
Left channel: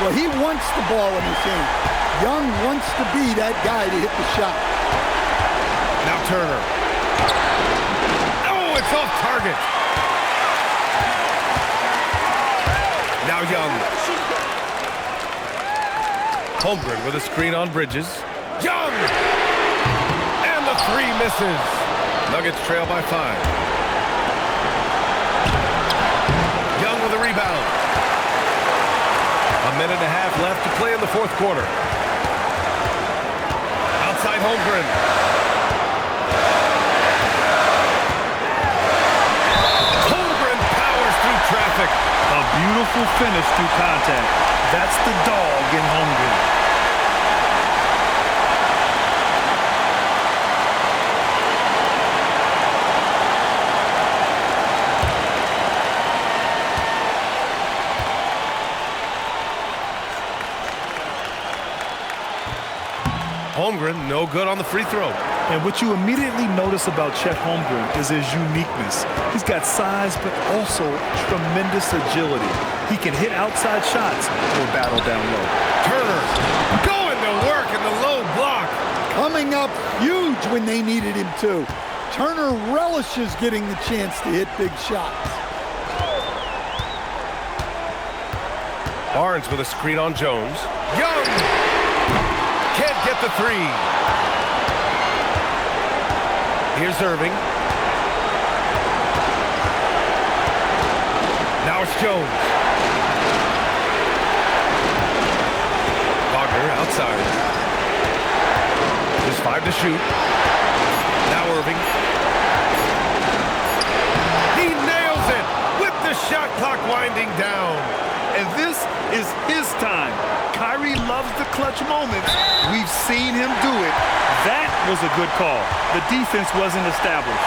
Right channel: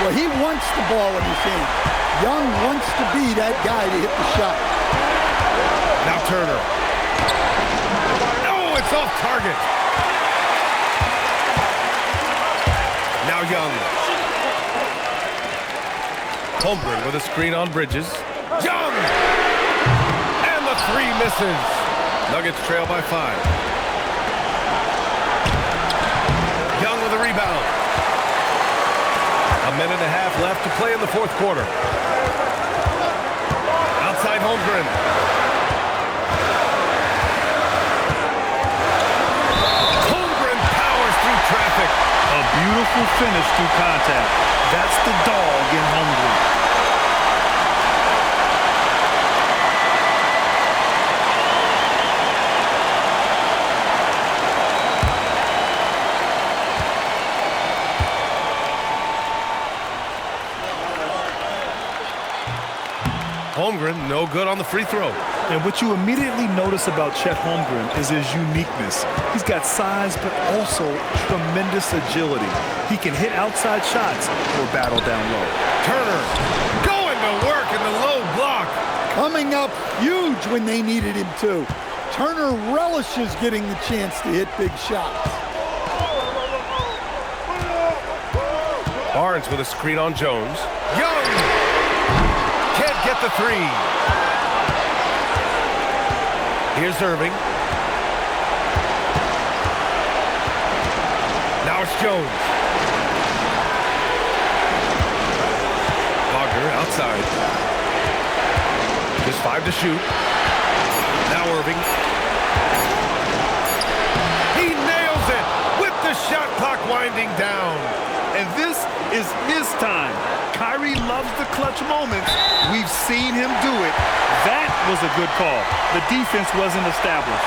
Well, he wants the ball in his hand. Young wants to be that guy to hit the shot. Now Turner. Oh, it's off target. Now Young. Holmgren with a screen on Bridges. Young! And the 3 misses. Nuggets trail by 5. Young with a rebound. 1.5 minutes left to play in the fourth quarter. Outside Holmgren. Holmgren powers through traffic. A beautiful finish through contact. That's the dog in Holmgren. Holmgren, no good on the free throw. And what you immediately notice about Chet Holmgren is his uniqueness. He's got size, but also tremendous agility. He can hit outside shots or battle down low. Turner going to work in the low block. Coming up huge when they needed him to. Turner relishes getting the chance to hit big shots. Barnes with a screen on Jones. Young can't get the 3. Here's Irving. Now it's Jones. Wagner outside. Just 5 to shoot. Now Irving. He nails it with the shot clock winding down. And this is his time. Kyrie loves the clutch moments. We've seen him do it. That was a good call. The defense wasn't established.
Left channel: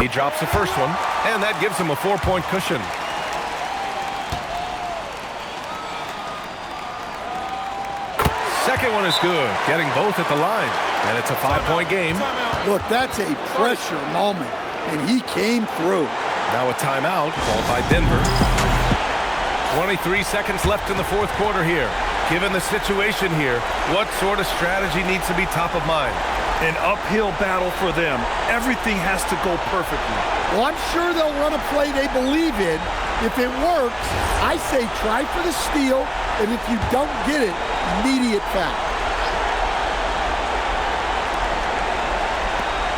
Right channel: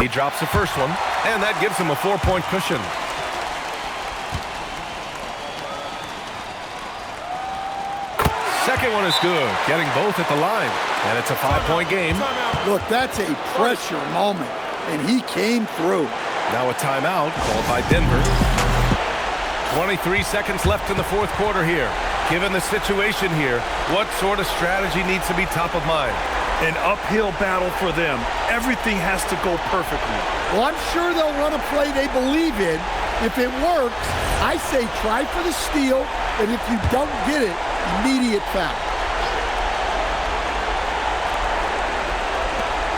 He drops the first one, and that gives him a 4-point cushion. Second one is good, getting both at the line, and it's a 5-point game. Look, that's a pressure moment, and he came through. Now a timeout called by Denver. 23 seconds left in the fourth quarter here. Given the situation here, what sort of strategy needs to be top of mind? An uphill battle for them. Everything has to go perfectly. Well, I'm sure they'll run a play they believe in. If it works, I say try for the steal, and if you don't get it, immediate foul.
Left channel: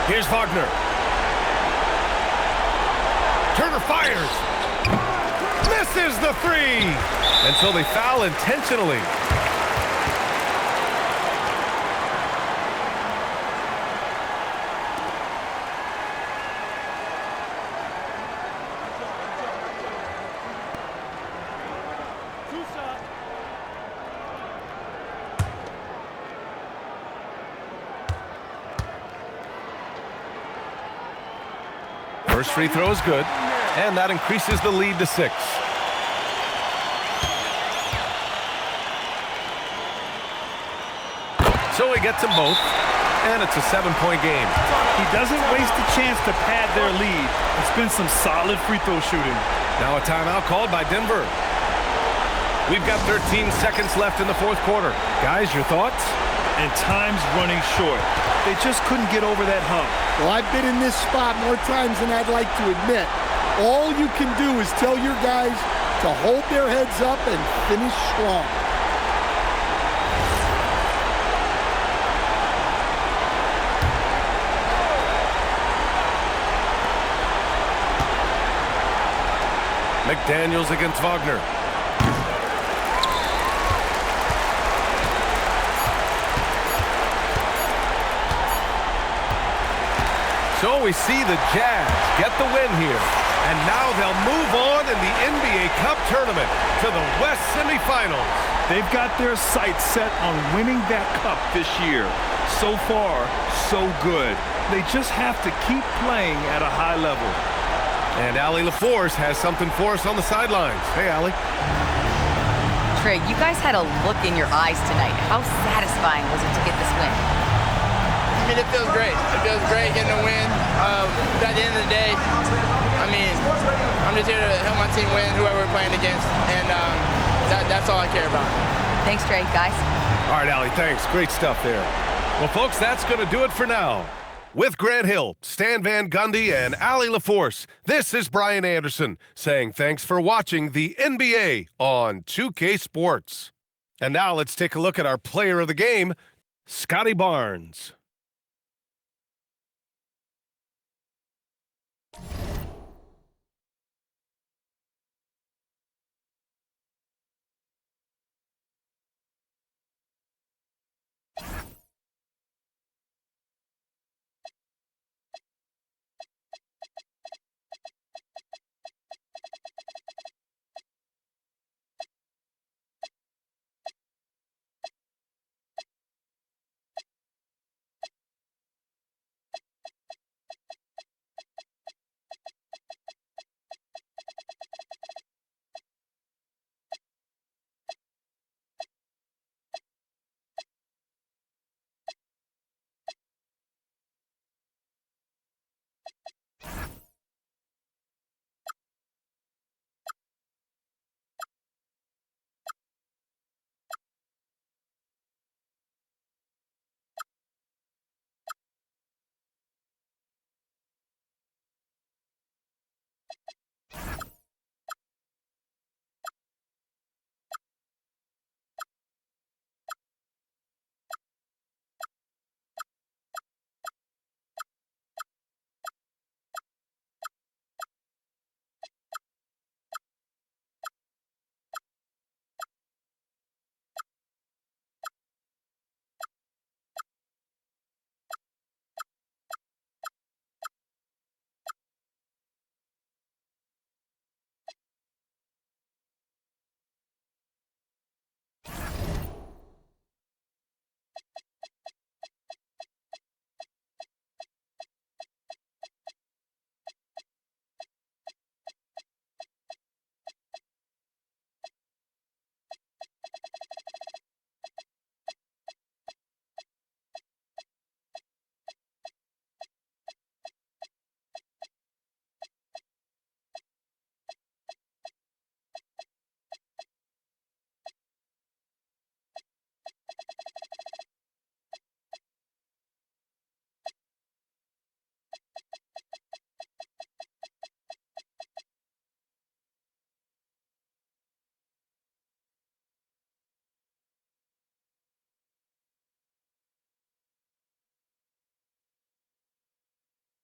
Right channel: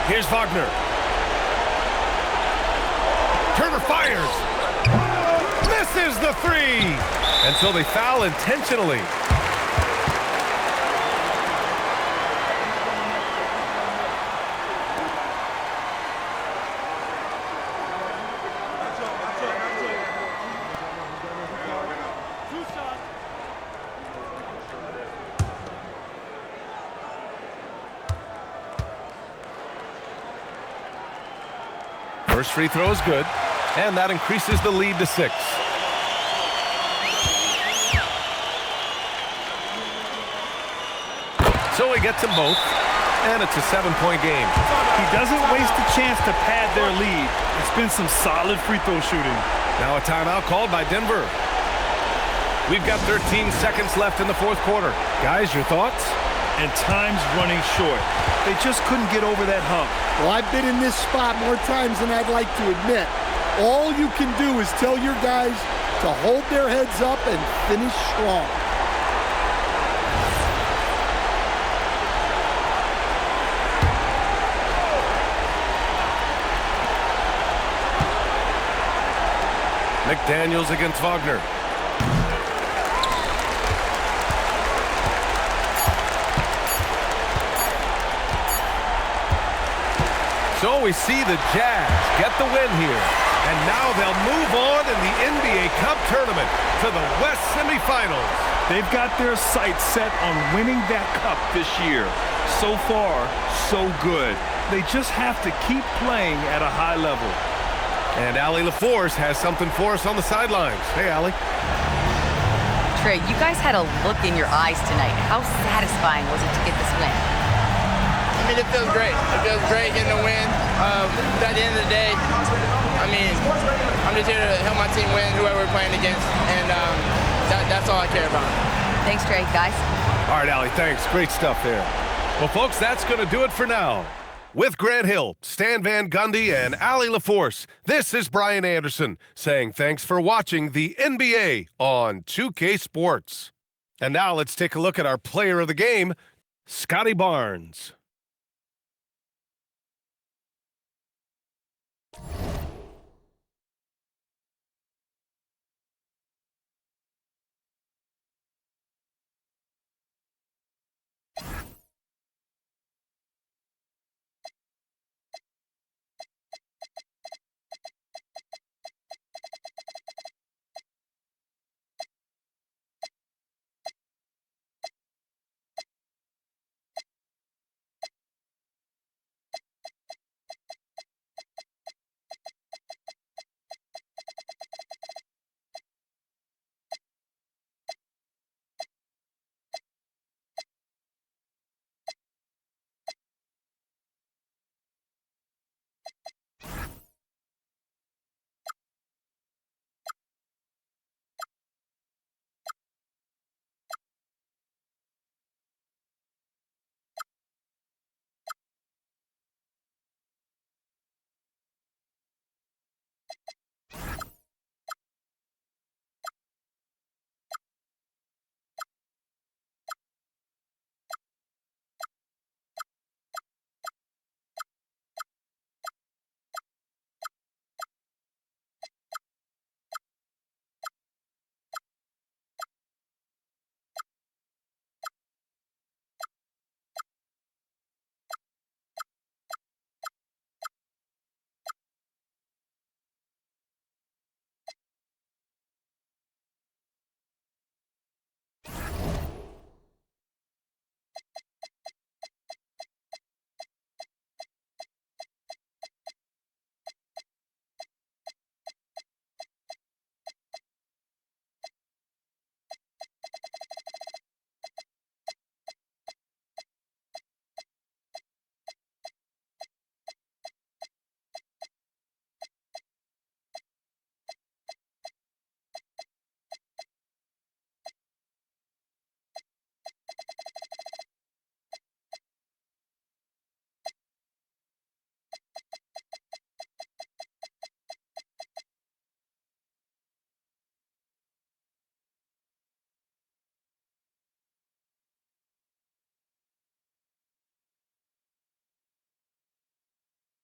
Here's Wagner. Turner fires. Misses the 3. And so they foul intentionally. First free throw is good, and that increases the lead to 6. So he gets them both, and it's a 7-point game. He doesn't waste a chance to pad their lead. It's been some solid free throw shooting. Now a timeout called by Denver. We've got 13 seconds left in the fourth quarter. Guys, your thoughts? And time's running short. They just couldn't get over that hump. Well, I've been in this spot more times than I'd like to admit. All you can do is tell your guys to hold their heads up and finish strong. McDaniels against Wagner. So we see the Jazz get the win here. And now they'll move on in the NBA Cup tournament to the West semifinals. They've got their sights set on winning that cup this year. So far, so good. They just have to keep playing at a high level. And Allie LaForce has something for us on the sidelines. Hey, Allie. Trey, you guys had a look in your eyes tonight. How satisfying was it to get this win? I mean, it feels great. It feels great getting a win. But at the end of the day, I mean, I'm just here to help my team win, whoever we're playing against, and that's all I care about. Thanks, Trey. Guys? All right, Allie, thanks. Great stuff there. Well, folks, that's going to do it for now. With Grant Hill, Stan Van Gundy, and Allie LaForce, this is Brian Anderson saying thanks for watching the NBA on 2K Sports. And now let's take a look at our player of the game, Scotty Barnes.